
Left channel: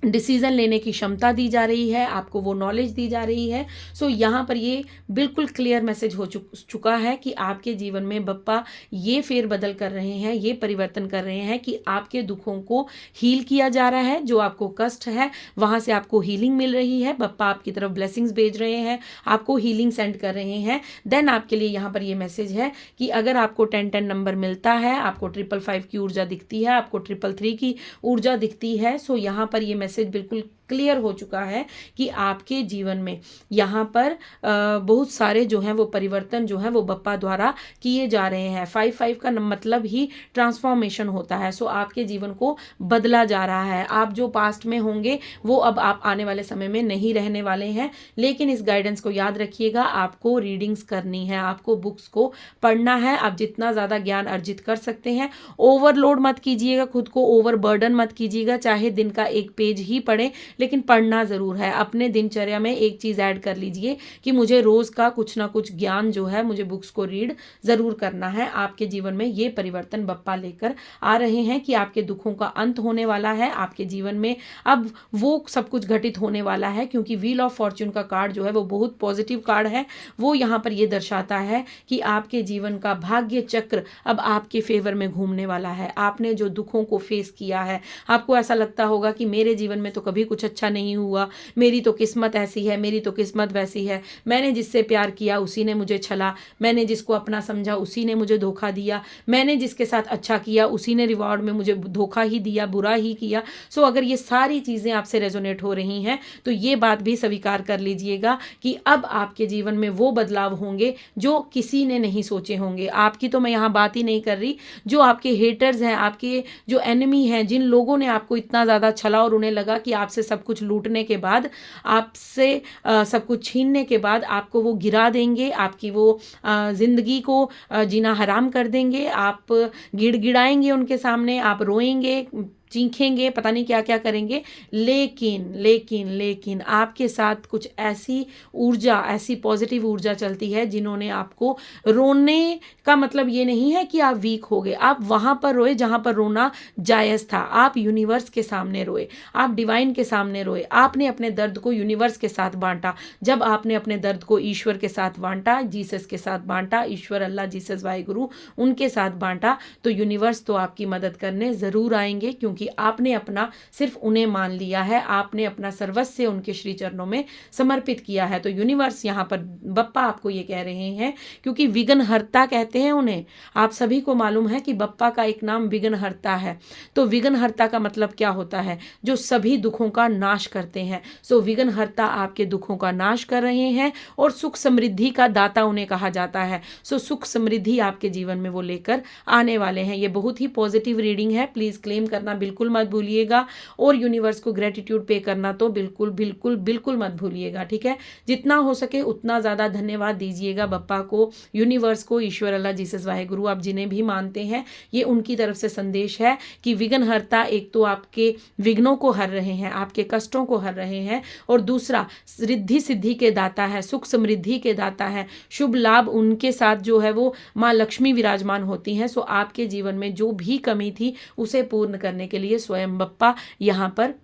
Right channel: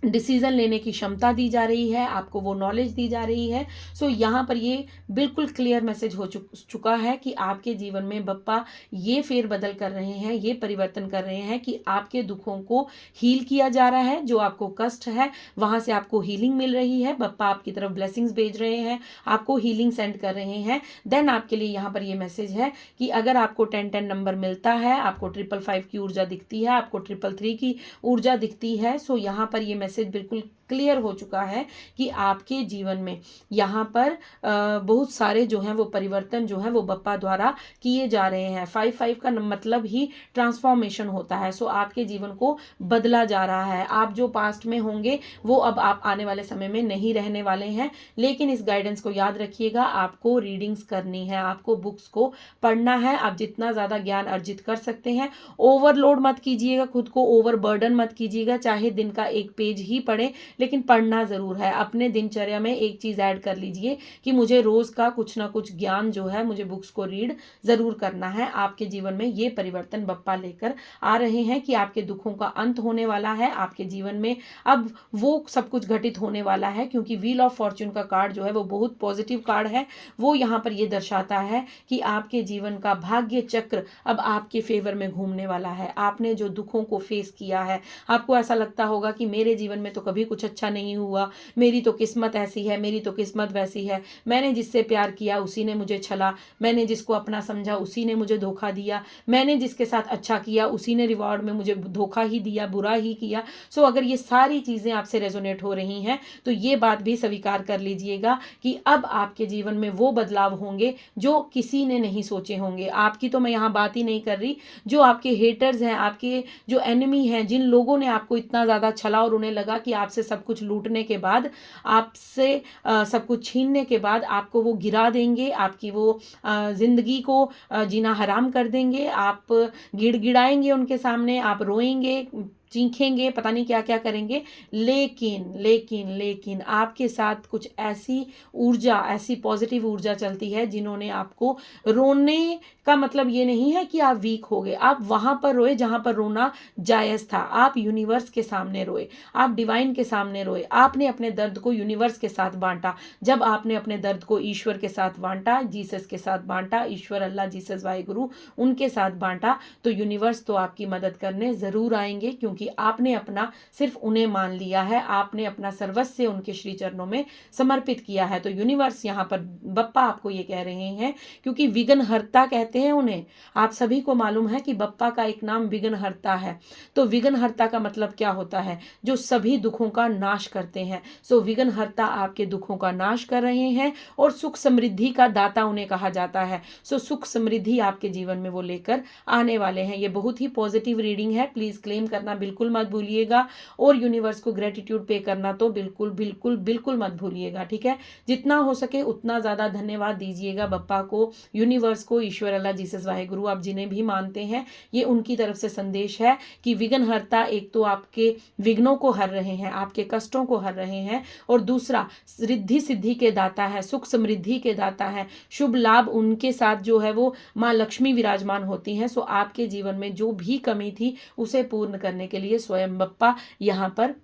डिसीजन लेने की क्षमता दी जा रही है, आपको वो नॉलेज दी जा रही है। सो यहाँ पर ये बिल्कुल क्लियर मैसेज हो चुका है कि आपके जीवन में बप्पा ये फेरबदल कर रहे हैं, ये परिवर्तन कर रहे हैं कि आपके दुखों को हील किया जा रहा है। जो आपको कष्ट है वहाँ से आपको हीलिंग मिल रही है। बप्पा आपकी तरफ ब्लेसिंग्स भेज रहे हैं, आपको हीलिंग सेंड कर रहे हैं। देन आपके लिए यहाँ पर ये मैसेज है कि अगर आपको 10-10 नंबर मिलता है, आपको 555 की ऊर्जा दिखती है, आपको 333 की ऊर्जा दिखती है, सो यहाँ पर ये मैसेज बिल्कुल क्लियर हो चुका है कि आपके जीवन में यहाँ पर बहुत सारे जो हैं वो परिवर्तन जो है वो बप्पा द्वारा किए जा रहे हैं। 5-5 का मतलब ही ट्रांसफॉर्मेशन होता है। सो आपके जीवन को बदला जा रहा है। आप जो पास्ट में होंगे वो अब आप आने वाले समय में नहीं रहने वाले हैं। लेकिन इस गाइडेंस को याद रखिएगा, आपको रीडिंग्स करनी है, आपको बुक्स को पढ़ना है। आप जितना ज़्यादा ज्ञान अर्जित कर सकते हैं, ओवरलोड मत कीजिएगा, खुद को ओवर बर्डन मत कीजिएगा। चाहे दिन का एक पेज ही पढ़े, लेकिन पढ़ना ज़रूर है। अपने दिनचर्या में एक चीज़ ऐड कर लीजिए कि मुझे रोज़ का कुछ ना कुछ ज्ञान जो है मुझे बुक्स को रीड ज़रूर करना है। आपके जीवन में ये परिवर्तन बप्पा लेकर आ रहे हैं कि आपके दुखों का अंत होने वाला है। आपके जीवन में अब वो सब कुछ घटित होने वाला है, क्योंकि व्हील ऑफ फॉर्च्यून का कार्ड जो है वो बहुत पॉजिटिव कार्ड है। वो यहाँ पर ये दर्शाता है कि आपके जीवन का भाग्य चक्र अब आपके फेवर में घूमने वाला है। आपने जो दुखों को फेस किया है, आपको ऐसा लगता होगा कि मेरे जीवन में तो कभी कुछ अच्छा नहीं हुआ, मेरी तो किस्मत ऐसी है, मेरी तो किस्मत वैसी है, मैंने जिससे प्यार किया उसी ने मुझे छला, मैंने जिसको अपना समझा उसी ने मुझे धोखा दिया, मैंने जिसके साथ अच्छा किया उसी ने रिवॉर्ड में मुझे धोखा ही दिया, बुरा ही किया। सो अगर ये सारी चीज़ें आपसे रेजोनेट हो रही हैं तो ये बात भी स्वीकार कर लीजिएगा कि अब आपके जीवन में वो बदलाव होंगे जो किसी ने नहीं सोचे होंगे। आपकी तो मैं यहाँ बात ही नहीं कर रही, जो आपके हेटर्स हैं, आपके जो एनिमी हैं, जिन लोगों ने आपको इतना ज़्यादा छला और उन्हें लगा कि आपसे सब कुछ लूटने के बाद, आपसे सब कुछ छीनने के बाद आपको वो गिरा देंगे, आपकी वो ज़िंदगी को जीना हराम कर देंगे। आप गिड़गिड़ाएंगे उनके सामने, आप रोएंगे, चीखेंगे, पता नहीं क्या क्या करेंगे। लेकिन लेकिन लेकिन आपके साथ कुछ ऐसी ऊर्जा, ऐसी पॉजिटिव ऊर्जा चलती है जिन्होंने आपको, रोने का मतलब ये नहीं है कि आप वीक हो गए, आप वहाँ पर रोए जहाँ पर रोना जायज़ था। आप यूनिवर्स के सामने रोए, आप डिवाइन के सामने रोए, आपने अपने दर्द को यूनिवर्स के साथ बांटा। जब आपने अपने दर्द को ईश्वर के साथ बांटा, जीसस के साथ बांटा, ईश्वर, अल्लाह, जीसस, वाहिगुरु, उनके साथ बांटा, तो यूनिवर्स तो आपकी मदद करने ज़रूर आएंगे, क्योंकि आपने अपना सिर्फ उन्हें मान लिया है, आपने अपना सर्वस्व उनके श्री चरणों में समर्पित किया है। तो यूनिवर्स यहाँ पर बप्पा आपको ये कह रहे हैं, क्योंकि विघ्नहर्ता कहते हैं उन्हें। आप सभी को मालूम है कि बप्पा का एक नाम विघ्नहर्ता है। तो विघ्नहर्ता का मतलब क्या होता है? जो सभी दुखों का नाश करते हैं। सो विघ्नहर्ता आपके दुखों का नाश कर रहे हैं और सुख समृद्धि का दाता उन्हें कहा जाता है। सो सुख समृद्धि आपके जीवन में वो लेकर आने वाले हैं। ये बहुत ही पॉजिटिव रीडिंग है, प्लीज क्लेम करना बिल्कुल मत भूलिएगा, और यूनिवर्स को ग्रेटिट्यूड पे करना तो बिल्कुल बिल्कुल बिल्कुल मत भूलिएगा, ठीक है। जितना हो सके उतना ज़्यादा धन्यवाद दीजिएगा बप्पा को, यूनिवर्स को, ईश्वर, अल्लाह, जीसस, वाहेगुरु, आप जिन्हें भी मानते हैं, ये उनकी तरफ से संदेश है कि विघ्नहर्ता एक तो आपके विघ्नों को हर रहे हैं, आपके कष्टों को हर रहे हैं, और दूसरा रिद्धि सिद्धि के दाता है, सुख समृद्धि के दाता है, शुभ लाभ उनके साथ जो है वो माँ लक्ष्मी विराजमान होती हैं। सो आपके जीवन में जो भी कमी थी उसे पूर्ण करने के लिए स्वयं बप्पा यहाँ पर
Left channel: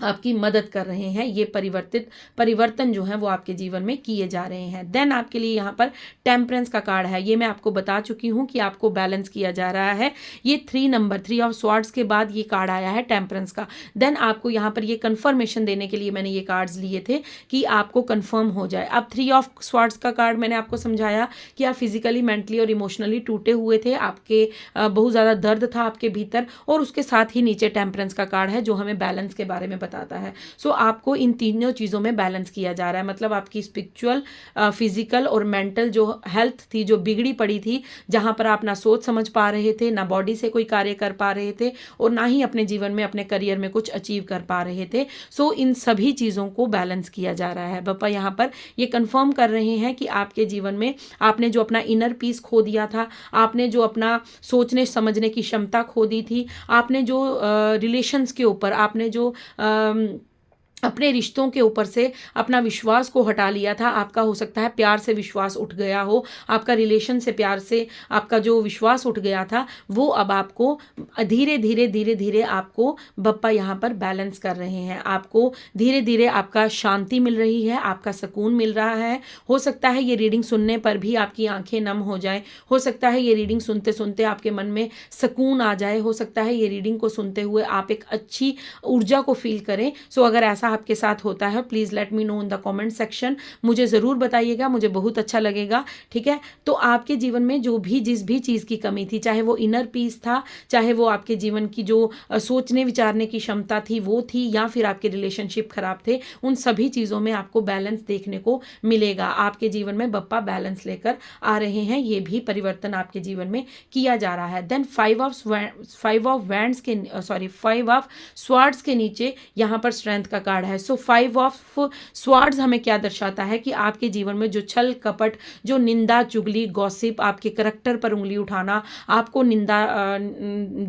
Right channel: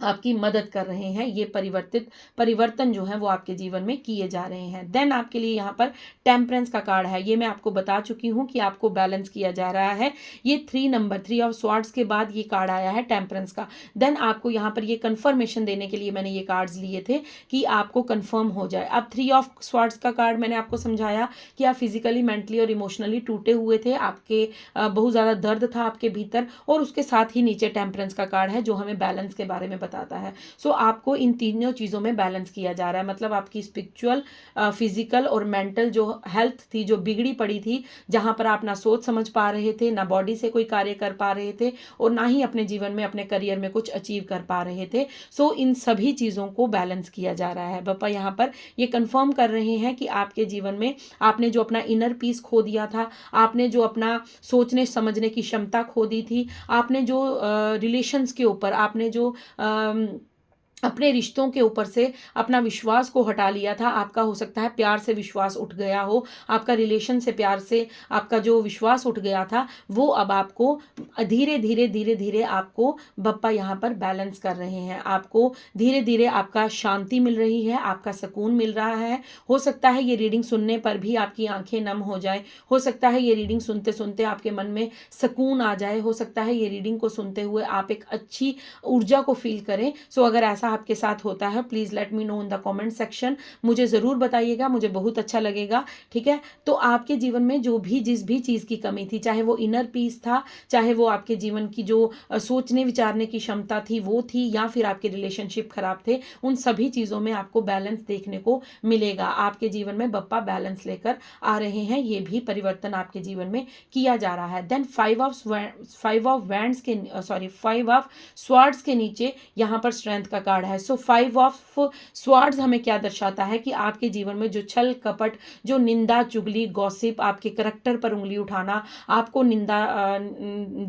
आपकी मदद कर रहे हैं। ये परिवर्तन जो है वो आपके जीवन में किए जा रहे हैं। देन आपके लिए यहाँ पर टेम्परेंस का कार्ड है, ये मैं आपको बता चुकी हूँ कि आपको बैलेंस किया जा रहा है। ये 3 ऑफ स्वार्ड्स के बाद ये कार्ड आया है टेम्परेंस का। देन आपको यहाँ पर ये कंफर्मेशन देने के लिए मैंने ये कार्ड्स लिए थे कि आपको कंफर्म हो जाए। अब 3 ऑफ स्वार्ड्स का कार्ड मैंने आपको समझाया कि आप फिजिकली, मेंटली और इमोशनली टूटे हुए थे, आपके बहुत ज़्यादा दर्द था आपके भीतर, और उसके साथ ही नीचे टेम्परेंस का कार्ड है जो हमें बैलेंस के बारे में बताता है। सो आपको इन तीनों चीज़ों में बैलेंस किया जा रहा है, मतलब आपकी स्पिरिचुअल, फिजिकल और मेंटल जो हेल्थ थी, जो बिगड़ी पड़ी थी, जहां पर आप ना सोच समझ पा रहे थे, ना बॉडी से कोई कार्य कर पा रहे थे, और ना ही अपने जीवन में, अपने करियर में कुछ अचीव कर पा रहे थे। सो इन सभी चीज़ों को बैलेंस किया जा रहा है। बप्पा यहाँ पर ये कंफर्म कर रहे हैं कि आपके जीवन में आपने जो अपना इनर पीस खो दिया था, आपने जो अपना सोचने समझने की क्षमता खो दी थी, आपने जो रिलेशंस के ऊपर, आपने जो अपने रिश्तों के ऊपर से अपना विश्वास को हटा लिया था, आपका हो सकता है प्यार से विश्वास उठ गया हो, आपका रिलेशन से, प्यार से आपका जो विश्वास उठ गया था, वो अब आपको धीरे धीरे धीरे धीरे आपको बप्पा यहाँ पर बैलेंस कर रहे हैं। आपको धीरे धीरे आपका शांति मिल रही है, आपका सुकून मिल रहा है। हो सकता है ये रीडिंग सुनने पर भी आपकी आंखें नम हो जाए, हो सकता है ये रीडिंग सुनते सुनते आपके मन में सुकून आ जाए, हो सकता है ये रीडिंग को सुनते हुए आप एक अच्छी ऊर्जा को फील करें। सो अगर ऐसा आपके साथ होता है, please let me know in the comment section, मुझे ज़रूर बताइएगा, मुझे बहुत अच्छा लगेगा, ठीक है। तो आपके जीवन में जो भी जिस भी चीज़ की कमी थी, चाहे वो इनर पीस था, चाहे वो आपके जीवन की जो सोचने विचारने की क्षमता थी वो थी, या फिर आपके रिलेशनशिप खराब थे, उन सभी चीज़ों में आपको बैलेंस देखने को मिलेगा। आपके जीवन में बप्पा बैलेंस लेकर आ रहे हैं, ये भी परिवर्तन आपके जीवन में किया जा रहा है। देन 5 ऑफ स्वार्ड्स के नीचे यहाँ पर स्ट्रेंथ का कार्ड है। सो 5 ऑफ स्वार्ड्स हमें क्या दर्शाता है कि आपके जीवन में जो छल कपट, जो निंदा चुगली, गॉसिप, आपके करैक्टर पर उंगली उठाना, आपको निंदा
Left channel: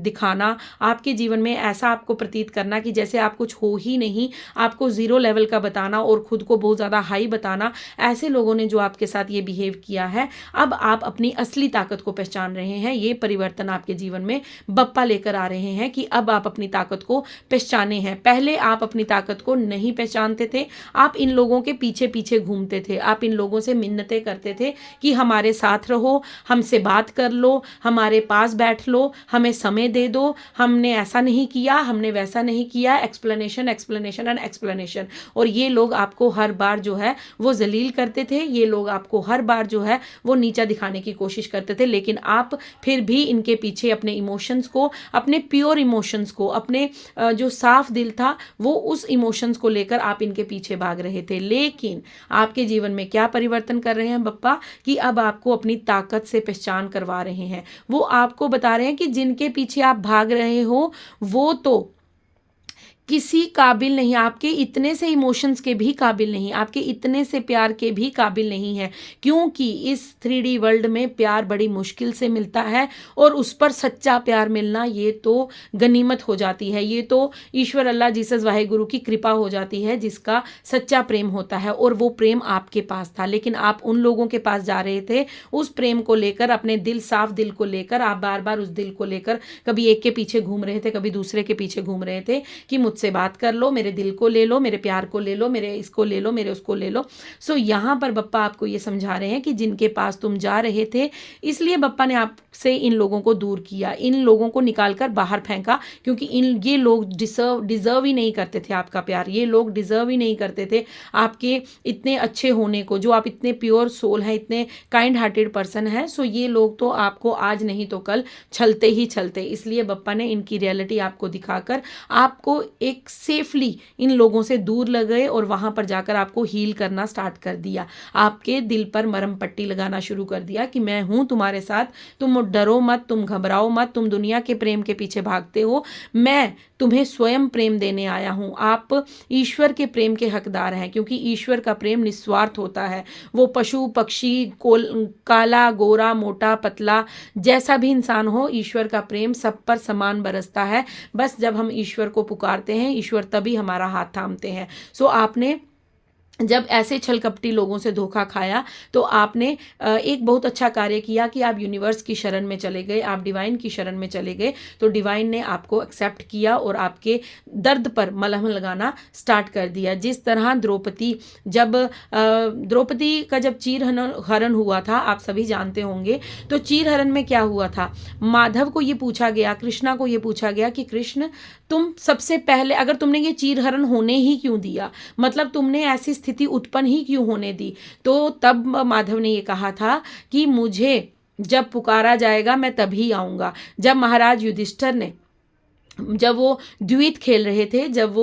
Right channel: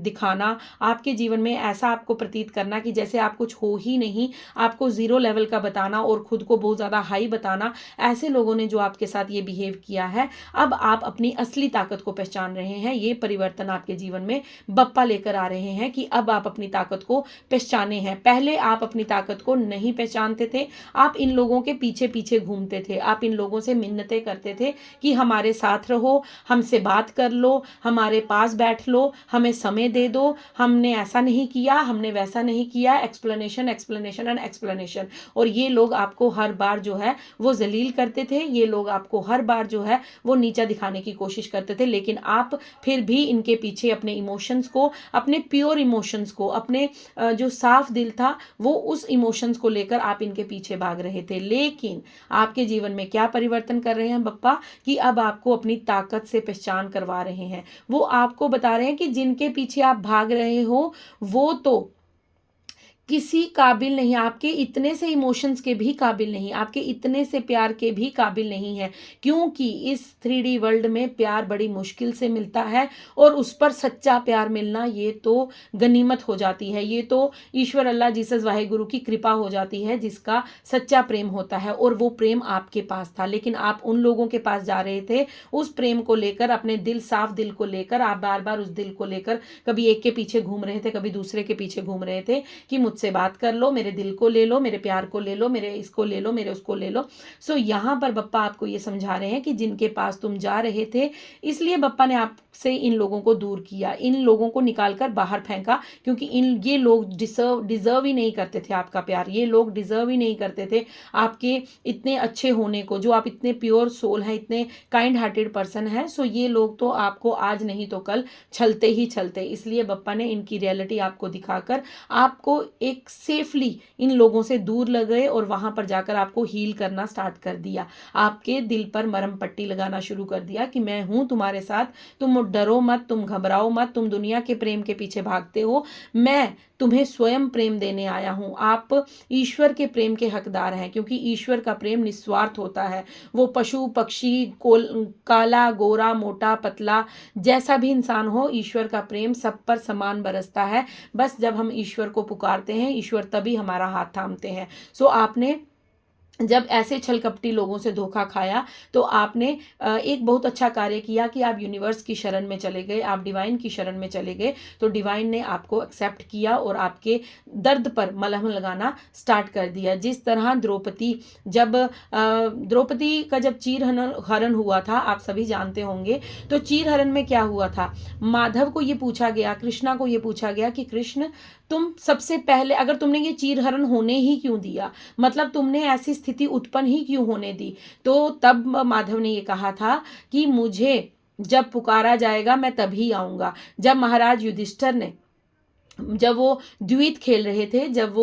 दिखाना, आपके जीवन में ऐसा आपको प्रतीत करना कि जैसे आप कुछ हो ही नहीं, आपको 0 लेवल का बताना और खुद को बहुत ज़्यादा हाई बताना, ऐसे लोगों ने जो आपके साथ ये बिहेव किया है, अब आप अपनी असली ताकत को पहचान रहे हैं। ये परिवर्तन आपके जीवन में बप्पा लेकर आ रहे हैं कि अब आप अपनी ताकत को पहचाने हैं। पहले आप अपनी ताकत को नहीं पहचानते थे, आप इन लोगों के पीछे पीछे घूमते थे, आप इन लोगों से मिन्नतें करते थे कि हमारे साथ रहो, हमसे बात कर लो, हमारे पास बैठ लो, हमें समय दे दो, हमने ऐसा नहीं किया, हमने वैसा नहीं किया, एक्सप्लेनेशन एक्सप्लेनेशन एंड एक्सप्लेनेशन। और ये लोग आपको हर बार जो है वो जलील करते थे, ये लोग आपको हर बार जो है वो नीचा दिखाने की कोशिश करते थे, लेकिन आप फिर भी इनके पीछे अपने इमोशंस को, अपने प्योर इमोशंस को, अपने जो साफ दिल था वो उस इमोशंस को लेकर आप इनके पीछे भाग रहे थे। लेकिन आपके जीवन में क्या परिवर्तन कर रहे हैं बप्पा कि अब आपको अपनी ताकत से पहचान करवा रहे हैं। वो आपको बता रहे हैं कि जिनके पीछे आप भाग रहे हो वो तो किसी काबिल नहीं, आपके इतने से इमोशंस के भी काबिल नहीं, आपके इतने से प्यार के भी काबिल नहीं है, क्योंकि इस 3D वर्ल्ड में प्यार बड़ी मुश्किल से मिलता है, और उस पर सच्चा प्यार मिलना ये तो गनीमत हो जाती है, ये तो ईश्वर, अल्लाह, जीसस, वाहेगुरु की कृपा हो जाती है जिसका सच्चा प्रेम होता है, और वो प्रेम आपके पास था। लेकिन आप उन लोगों के पास जा रहे थे उस प्रेम को लेकर, अपने दिल, साफ दिल को लेकर, आप बार बार उस दिल को लेकर कभी एक के पीछे घूम रहे थे, कभी दूसरे के पीछे घूम रहे थे कि मुझसे बात कर लो, मेरे दिल को ले लो, मेरे प्यार को ले लो, मेरे इसको ले लो, मेरे उसको ले लो। सो यहाँ पर बप्पा आपको ये समझा रहे हैं कि जिनके पास तुम जा रहे थे, इसलिए बप्पा ने आपसे इन लोगों को दूर किया, इन लोगों को निकालकर बाहर फेंका, क्योंकि ये लोग डिजर्व ही नहीं करते थे आपका प्यार, ये लोग डिजर्व ही नहीं करते थे आपके इतने अच्छे होने को, जो आप इतने प्योर सोल हैं, इतने काइंड हार्टेड पर्सन हैं। सो ये लोग तो आपको आज नहीं तो कल छलते ही छलते। इसलिए बप्पा ने इनकी रियलिटी आपको दिखाकर आपको एक सेफली इन लोगों से दूर लग गए और वहाँ पर जाकर आपको हील करना स्टार्ट कर दिया। आपके दिल पर मरहम पट्टी लगाना शुरू कर दिया कि मैं हूँ तुम्हारे साथ, तुम डरो मत, तुम घबराओ मत, तुम दुनिया के प्रेम के पीछे भागते हो, मैं तुम्हें स्वयं प्रेम देने आया हूँ। आप ईश्वर के प्रेम के हकदार हैं, क्योंकि ईश्वर का प्रेम निस्वार्थ होता है। वो पशु पक्षी, काला गोरा मोटा पतला, जैसा भी इंसान हो, ईश्वर का प्रेम सब पर समान बरसता है। बस जब हम ईश्वर को पुकारते हैं, ईश्वर तभी हमारा हाथ थामते हैं। सो आपने जब ऐसे छलकपटी लोगों से धोखा खाया तो आपने एक बहुत अच्छा कार्य किया कि आप यूनिवर्स की शरण में चले गए, आप डिवाइन की शरण में चले गए। तो डिवाइन ने आपको एक्सेप्ट किया और आपके दर्द पर मलहम लगाना स्टार्ट कर दिया। जिस तरह द्रौपदी का जब चीर हरण हुआ था, आप सभी जानते होंगे, तो चीर हरण में क्या हुआ था, माधव को ये पूछा गया, कृष्णा को ये पूछा गया कि कृष्ण तुम सबसे पहले, अगर तुमने ये चीर हरण होने ही क्यों दिया, मतलब तुमने ऐसी स्थिति उत्पन्न ही क्यों होने दी। तो तब माधव ने ये कहा था कि मुझे जब पुकारा जाएगा मैं तभी आऊंगा। जब महाराज युधिष्ठिर ने, जब वो द्वैत खेल रहे थे, जब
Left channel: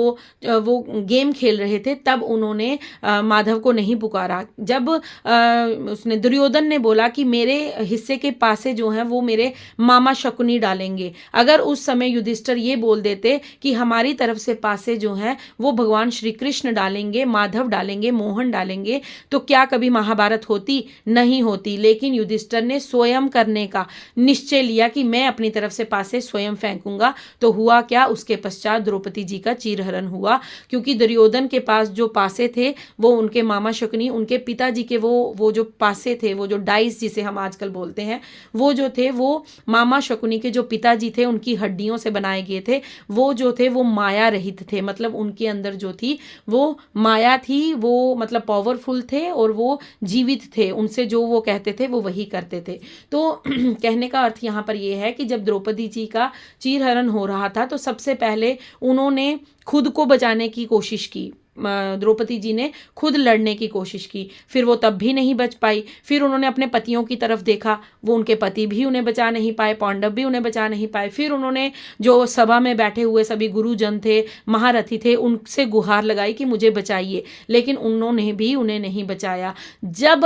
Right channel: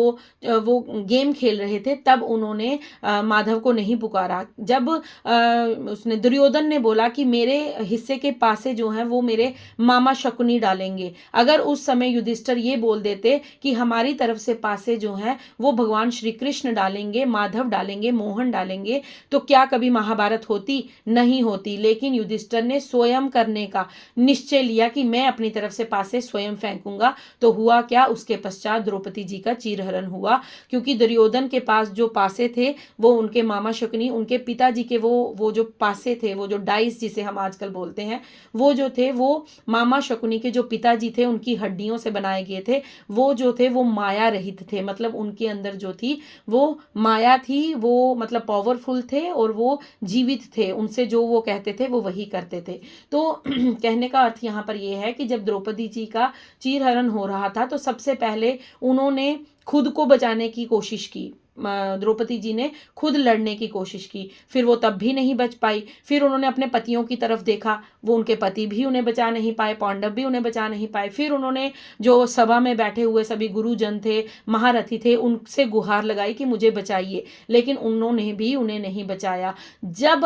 वो गेम खेल रहे थे, तब उन्होंने माधव को नहीं पुकारा। जब उसने दुर्योधन ने बोला कि मेरे हिस्से के पासे जो हैं वो मेरे मामा शकुनी डालेंगे, अगर उस समय युधिष्ठिर ये बोल देते कि हमारी तरफ से पासे जो हैं वो भगवान श्री कृष्ण डालेंगे, माधव डालेंगे, मोहन डालेंगे, तो क्या कभी महाभारत होती? नहीं होती। लेकिन युधिष्ठिर ने स्वयं करने का निश्चय लिया कि मैं अपनी तरफ से पासे स्वयं फेंकूंगा। तो हुआ क्या, उसके पश्चात द्रौपदी जी का चीरहरण हुआ, क्योंकि दुर्योधन के पास जो पासे थे वो उनके मामा शकुनी, उनके पिताजी के वो जो पासे थे, वो जो डाइस जिसे हम आजकल बोलते हैं, वो जो थे वो मामा शकुनी के जो पिताजी थे उनकी हड्डियों से बनाए गए थे। वो जो थे वो माया रहित थे, मतलब उनके अंदर जो थी वो माया थी, वो मतलब पावरफुल थे और वो जीवित थे, उनसे जो वो कहते थे वो वही करते थे। तो कहने का अर्थ यहाँ पर ये है कि जब द्रौपदी जी का चीरहरण हो रहा था तो सबसे पहले उन्होंने खुद को बचाने की कोशिश की। द्रौपदी जी ने खुद लड़ने की कोशिश की, फिर वो तब भी नहीं बच पाई। फिर उन्होंने अपने पतियों की तरफ देखा, वो उनके पति भी उन्हें बचा नहीं पाए, पांडव भी उन्हें बचा नहीं पाए। फिर उन्होंने जो सभा में बैठे हुए सभी गुरुजन थे, महारथी थे, उनसे गुहार लगाई कि मुझे बचाइए, लेकिन उन्होंने भी उन्हें नहीं बचाया। जब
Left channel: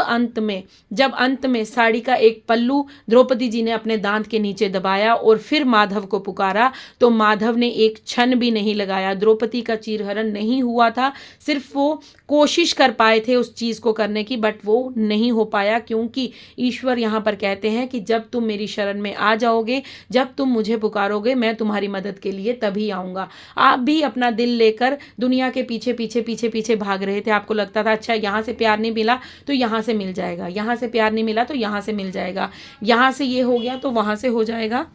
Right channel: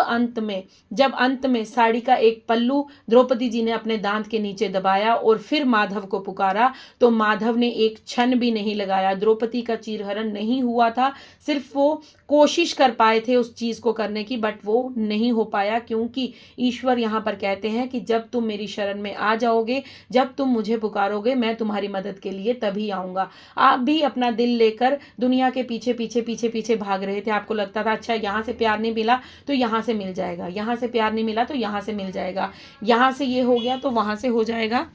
अंत में साड़ी का एक पल्लू द्रौपदी जी ने अपने दांत के नीचे दबाया और फिर माधव को पुकारा, तो माधव ने एक क्षण भी नहीं लगाया। द्रौपदी का चीरहरण नहीं हुआ था, सिर्फ वो कोशिश कर पाए थे उस चीज को करने की, बट वो नहीं हो पाया, क्योंकि ईश्वर यहां पर कहते हैं कि जब तुम मेरी शरण में आ जाओगे, जब तुम मुझे पुकारोगे, मैं तुम्हारी मदद के लिए तभी आऊंगा। आप भी अपना दिल लेकर दुनिया के पीछे पीछे पीछे पीछे भाग रहे थे। आपको लगता था अच्छा यहां से प्यार नहीं मिला तो यहां से मिल जाएगा, यहां से प्यार नहीं मिला तो यहां से मिल जाएगा, यहां से ये हो गया तो वहां से हो जाएगा।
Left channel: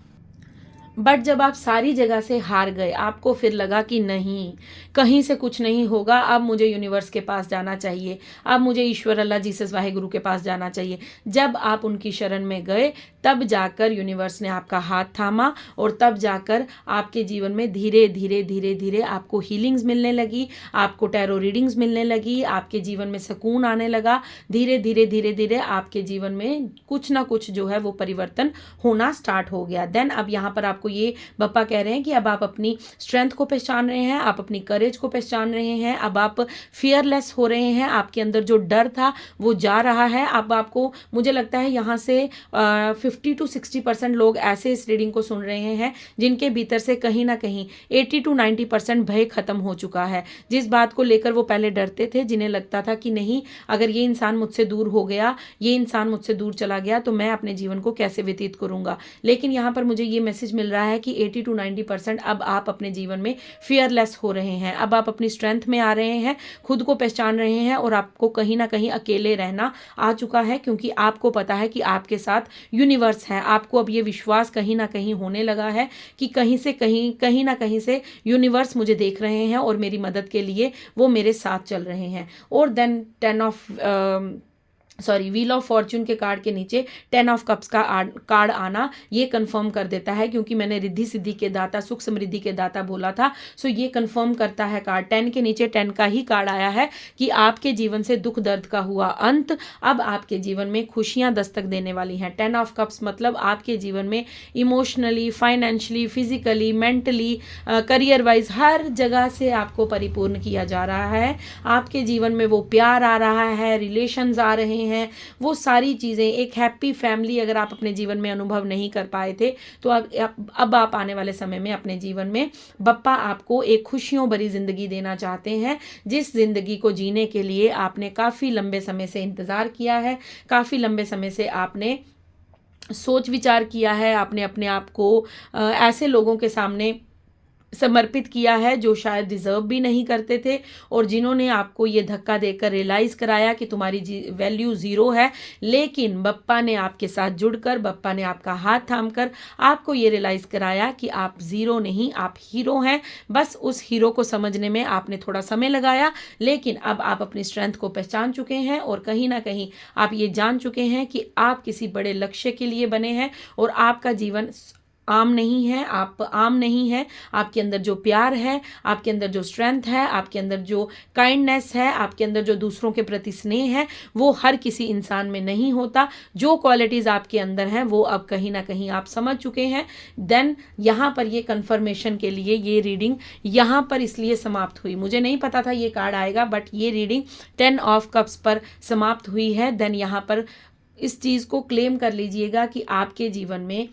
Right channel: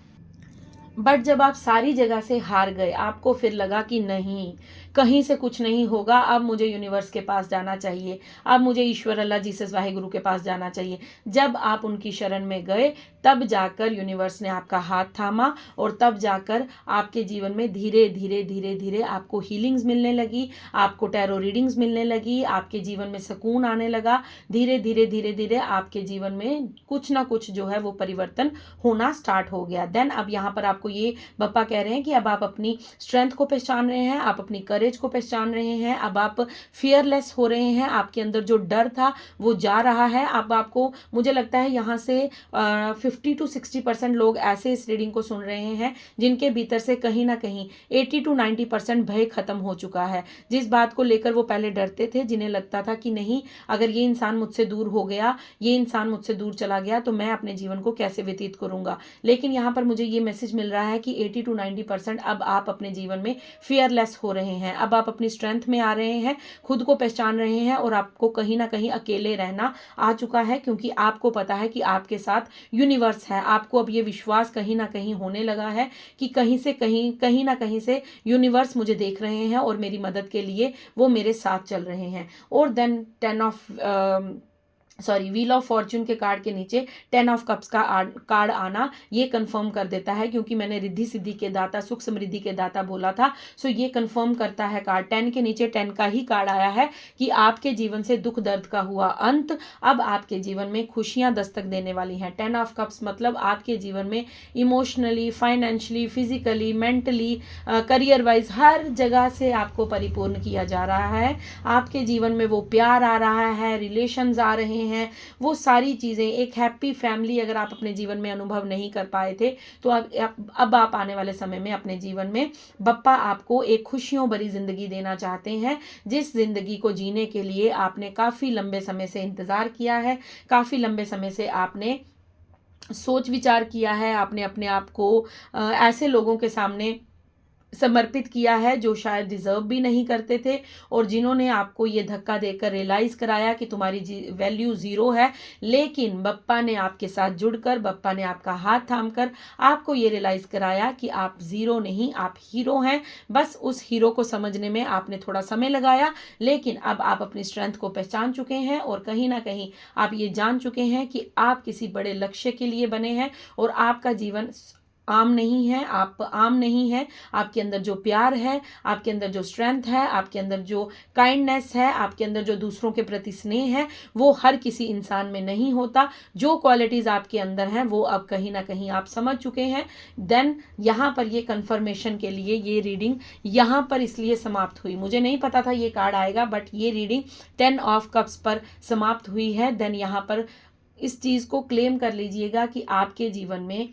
बट जब आप सारी जगह से हार गए, आपको फिर लगा कि नहीं, कहीं से कुछ नहीं होगा, अब मुझे यूनिवर्स के पास जाना चाहिए, अब मुझे ईश्वर अल्लाह जीसस वाहिगुरु के पास जाना चाहिए। जब आप उनकी शरण में गए, तब जाकर यूनिवर्स ने आपका हाथ थामा और तब जाकर आपके जीवन में धीरे धीरे धीरे धीरे आपको हीलिंग्स मिलने लगी, आपको टैरो रीडिंग्स मिलने लगी, आपके जीवन में सुकून आने लगा। धीरे धीरे धीरे धीरे आपके जीवन में कुछ ना कुछ जो है वो परिवर्तन होना स्टार्ट हो गया। देन अब यहाँ पर आपको ये बप्पा कह रहे हैं कि अब आप अपनी स्ट्रेंथ को पहचान रहे हैं, आप अपनी करेज को पहचान रहे हैं, अब आप फियरलेस हो रहे हैं, आपके अंदर जो डर था वो जा रहा है। अब आपको, मुझे लगता है यहाँ से 50 to 60% लोग ऐसे इस रीडिंग को सुन रहे हैं जिनके भीतर से कहीं ना कहीं 80 to 90% भय खत्म हो चुका है। जिस बात को लेकर वो पहले डरते थे, जिन्हें लगता था कि नहीं, अगर ये इंसान मुझसे दूर हो गया, ये इंसान मुझसे दूर चला गया तो मैं अपने जीवन को कैसे व्यतीत करूंगा। लेकिन यहाँ पर मुझे ये मैसेज मिल रहा है कि 80 to 90% अब आप अपने जीवन में फियरलेस हो रहे हैं, अब आप अपनी स्ट्रेंथ में आ रहे हैं, खुद को पहचान रहे हैं और आपको कहीं ना कहीं अकेले रहना आ चुका है, क्योंकि आपको पता है कि आपके साथ यूनिवर्स है। आपको अब ये विश्वास कहीं ना कहीं होने लगा है कि कहीं ना कहीं से यूनिवर्स मुझे देख रहे हैं और मेरी मदद के लिए वो मेरे साथ चल रहे हैं। और then 10 of sorry wheel of fortune के कार्ड के नीचे 10 ऑफ कप्स का कार्ड आना ये कंफर्म कर देता है, क्योंकि मैंने रिद्धि सिद्धि के दाता, सुख समृद्धि के दाता बोला था। सो ये कंफर्म करता है कार्ड 10 के नीचे 10 का ही कार्ड आया है कि आपके जीवन से दुख दर्द का हुआ अंत, अब आपके जीवन में खुशियां दस्तक देने वाली हैं। 10 ऑफ कप्स मतलब आपके जीवन में emotionally, financially, physically, mentally, career wise हर जगह से आपको परिपूर्ण किया जा रहा है। आपके जीवन में वो प्यार आ रहा है, रिलेशंस आ रहे हैं, वो सारी चीज़ें, एक हैप्पी फैमिली अगर आप अपने जीवन में अनुभव नहीं कर पाए थे तो अब आप आने वाले समय में अपने जीवन में बप्पा आपको एक खुशियों भरी जिंदगी देना चाहते हैं, जिस जिंदगी को जीने के लिए आपने काफ़ी लंबे समय से इंतज़ार किया है, काफ़ी लंबे समय से आपने सोच विचार किया है, आपने अपने आप को ऐसे लोगों के सामने समर्पित किया है जो शायद डिजर्व भी नहीं करते थे, और जिन्होंने आपको ये धक्का देकर रियलाइज कराया कि तुम्हारी वैल्यू ज़ीरो है। लेकिन बप्पा ने आपके साथ जुड़कर, बप्पा ने आपका हाथ थामकर आपको ये रियलाइज कराया कि आप ज़ीरो नहीं, आप हीरो हैं। बस उस हीरो को समझने में आपने थोड़ा समय लगाया, लेकिन अब आप अपनी स्ट्रेंथ को पहचान चुके हैं और कहीं ना कहीं आप ये जान चुके हैं कि आप किसी बड़े लक्ष्य के लिए बने हैं, और आपका जीवन आम नहीं है, आप आम नहीं है। आपके अंदर जो प्यार है, आपके अंदर जो स्ट्रेंथ है, आपके अंदर जो काइंडनेस है, आपके अंदर जो दूसरों के प्रति स्नेह है, वो हर किसी इंसान में नहीं होता। जो क्वालिटीज़ आपके अंदर हैं वो अब कहीं ना कहीं आप समझ चुके हैं। देन यहाँ पर ये कंफर्मेशन के लिए ये रीडिंग यहाँ पर इसलिए समाप्त हुई, मुझे नहीं पता था ये कार्ड आएगा, बट ये रीडिंग 10 ऑफ कप्स पर समाप्त हुई है। देन यहाँ पर इस चीज़ को क्लेम कर लीजिएगा कि आपके जीवन में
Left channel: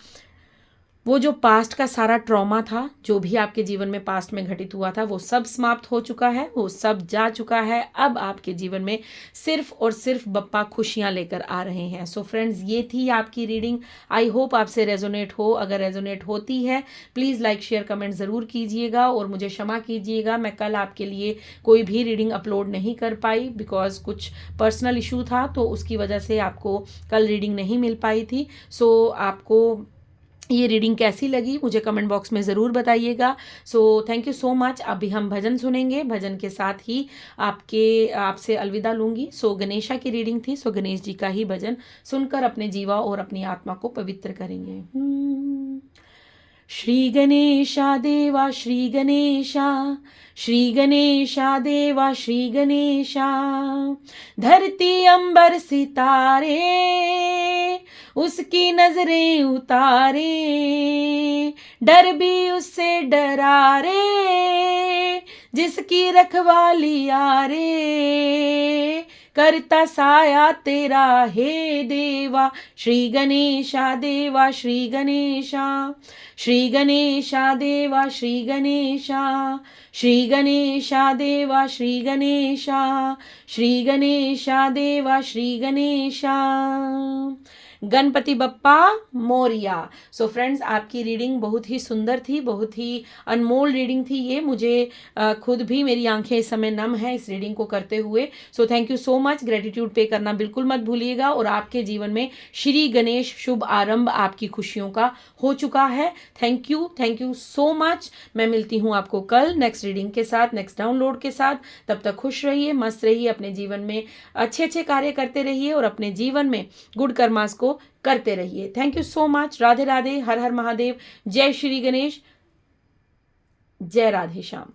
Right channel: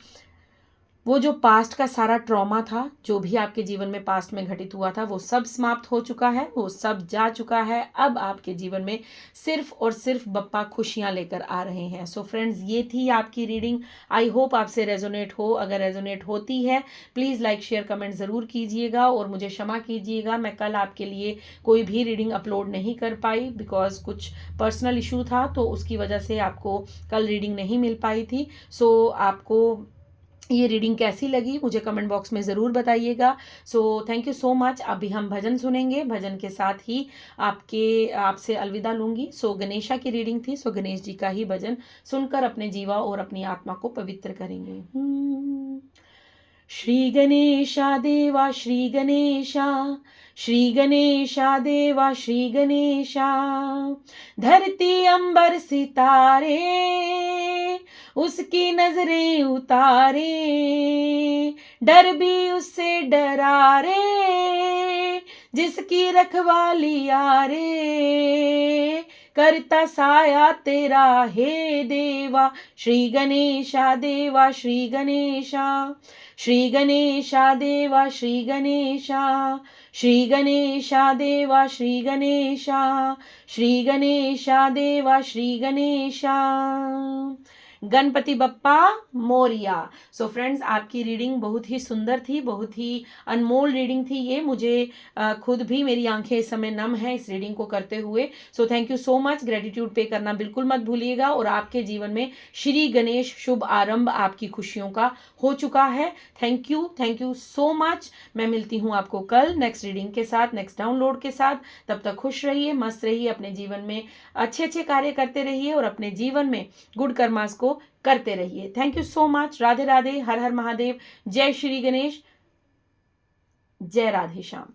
वो जो पास्ट का सारा ट्रॉमा था, जो भी आपके जीवन में पास्ट में घटित हुआ था, वो सब समाप्त हो चुका है, वो सब जा चुका है। अब आपके जीवन में सिर्फ और सिर्फ बप्पा खुशियां लेकर आ रहे हैं। सो फ्रेंड्स, ये थी आपकी रीडिंग। आई होप आपसे रेजोनेट हो। अगर रेजोनेट होती है प्लीज़ लाइक शेयर कमेंट ज़रूर कीजिएगा, और मुझे क्षमा कीजिएगा मैं कल आपके लिए कोई भी रीडिंग अपलोड नहीं कर पाई, बिकॉज कुछ पर्सनल इशू था, तो उसकी वजह से आपको कल रीडिंग नहीं मिल पाई थी। सो आपको ये रीडिंग कैसी लगी मुझे कमेंट बॉक्स में ज़रूर बताइएगा। सो थैंक यू सो मच। अभी हम भजन सुनेंगे, भजन के साथ ही आपसे अलविदा लूँगी। सो गणेशा की रीडिंग थी, सो गणेश जी का ही भजन सुनकर अपने जीवा और अपनी आत्मा को पवित्र करेंगे। श्री गणेशा देवा श्री गणेशा, श्री गणेशा देवा श्री गणेशा, धरती अंबर सितारे उसकी नजरें उतारे, डर भी उससे डरा रे, जिसकी रखवाली आरे, करता साया तेरा हे देवा। श्री गणेशा देवा श्री गणेशा, श्री गणेशा देवा श्री गणेशा, श्री गणेशा देवा श्री गणेशा, श्री गणेशा देवा श्री गणेशा। गणपति बप्पा मोरिया। सो फ्रेंड्स, आपकी रीडिंग बहुत ही सुंदर थी, बहुत ही अनमोल रीडिंग थी ये। मुझे खुद भी मेरी आंखें इस समय नम है इस रीडिंग को करते हुए। सो thank you so much. Gratitude पे करना बिल्कुल मत भूलिएगा, और आपके जीवन में श्री गणेश शुभ आरंभ आपकी खुशियों का हो चुका है। Thank you so much. मैं मिलती हूँ आपको कल नेक्स्ट रीडिंग के साथ, नेक्स्ट डाउनलोड के साथ। तब तक खुश रहिए, मस्त रहिए, अपने जीवन में अच्छे अच्छे कार्य करते रहिए, और अपने जीवन में गुड कर्मास को करते रहिए। Thank you so much. Radhe Radhe, हर हर महादेव, जय श्री गणेश, जय राधे श्याम।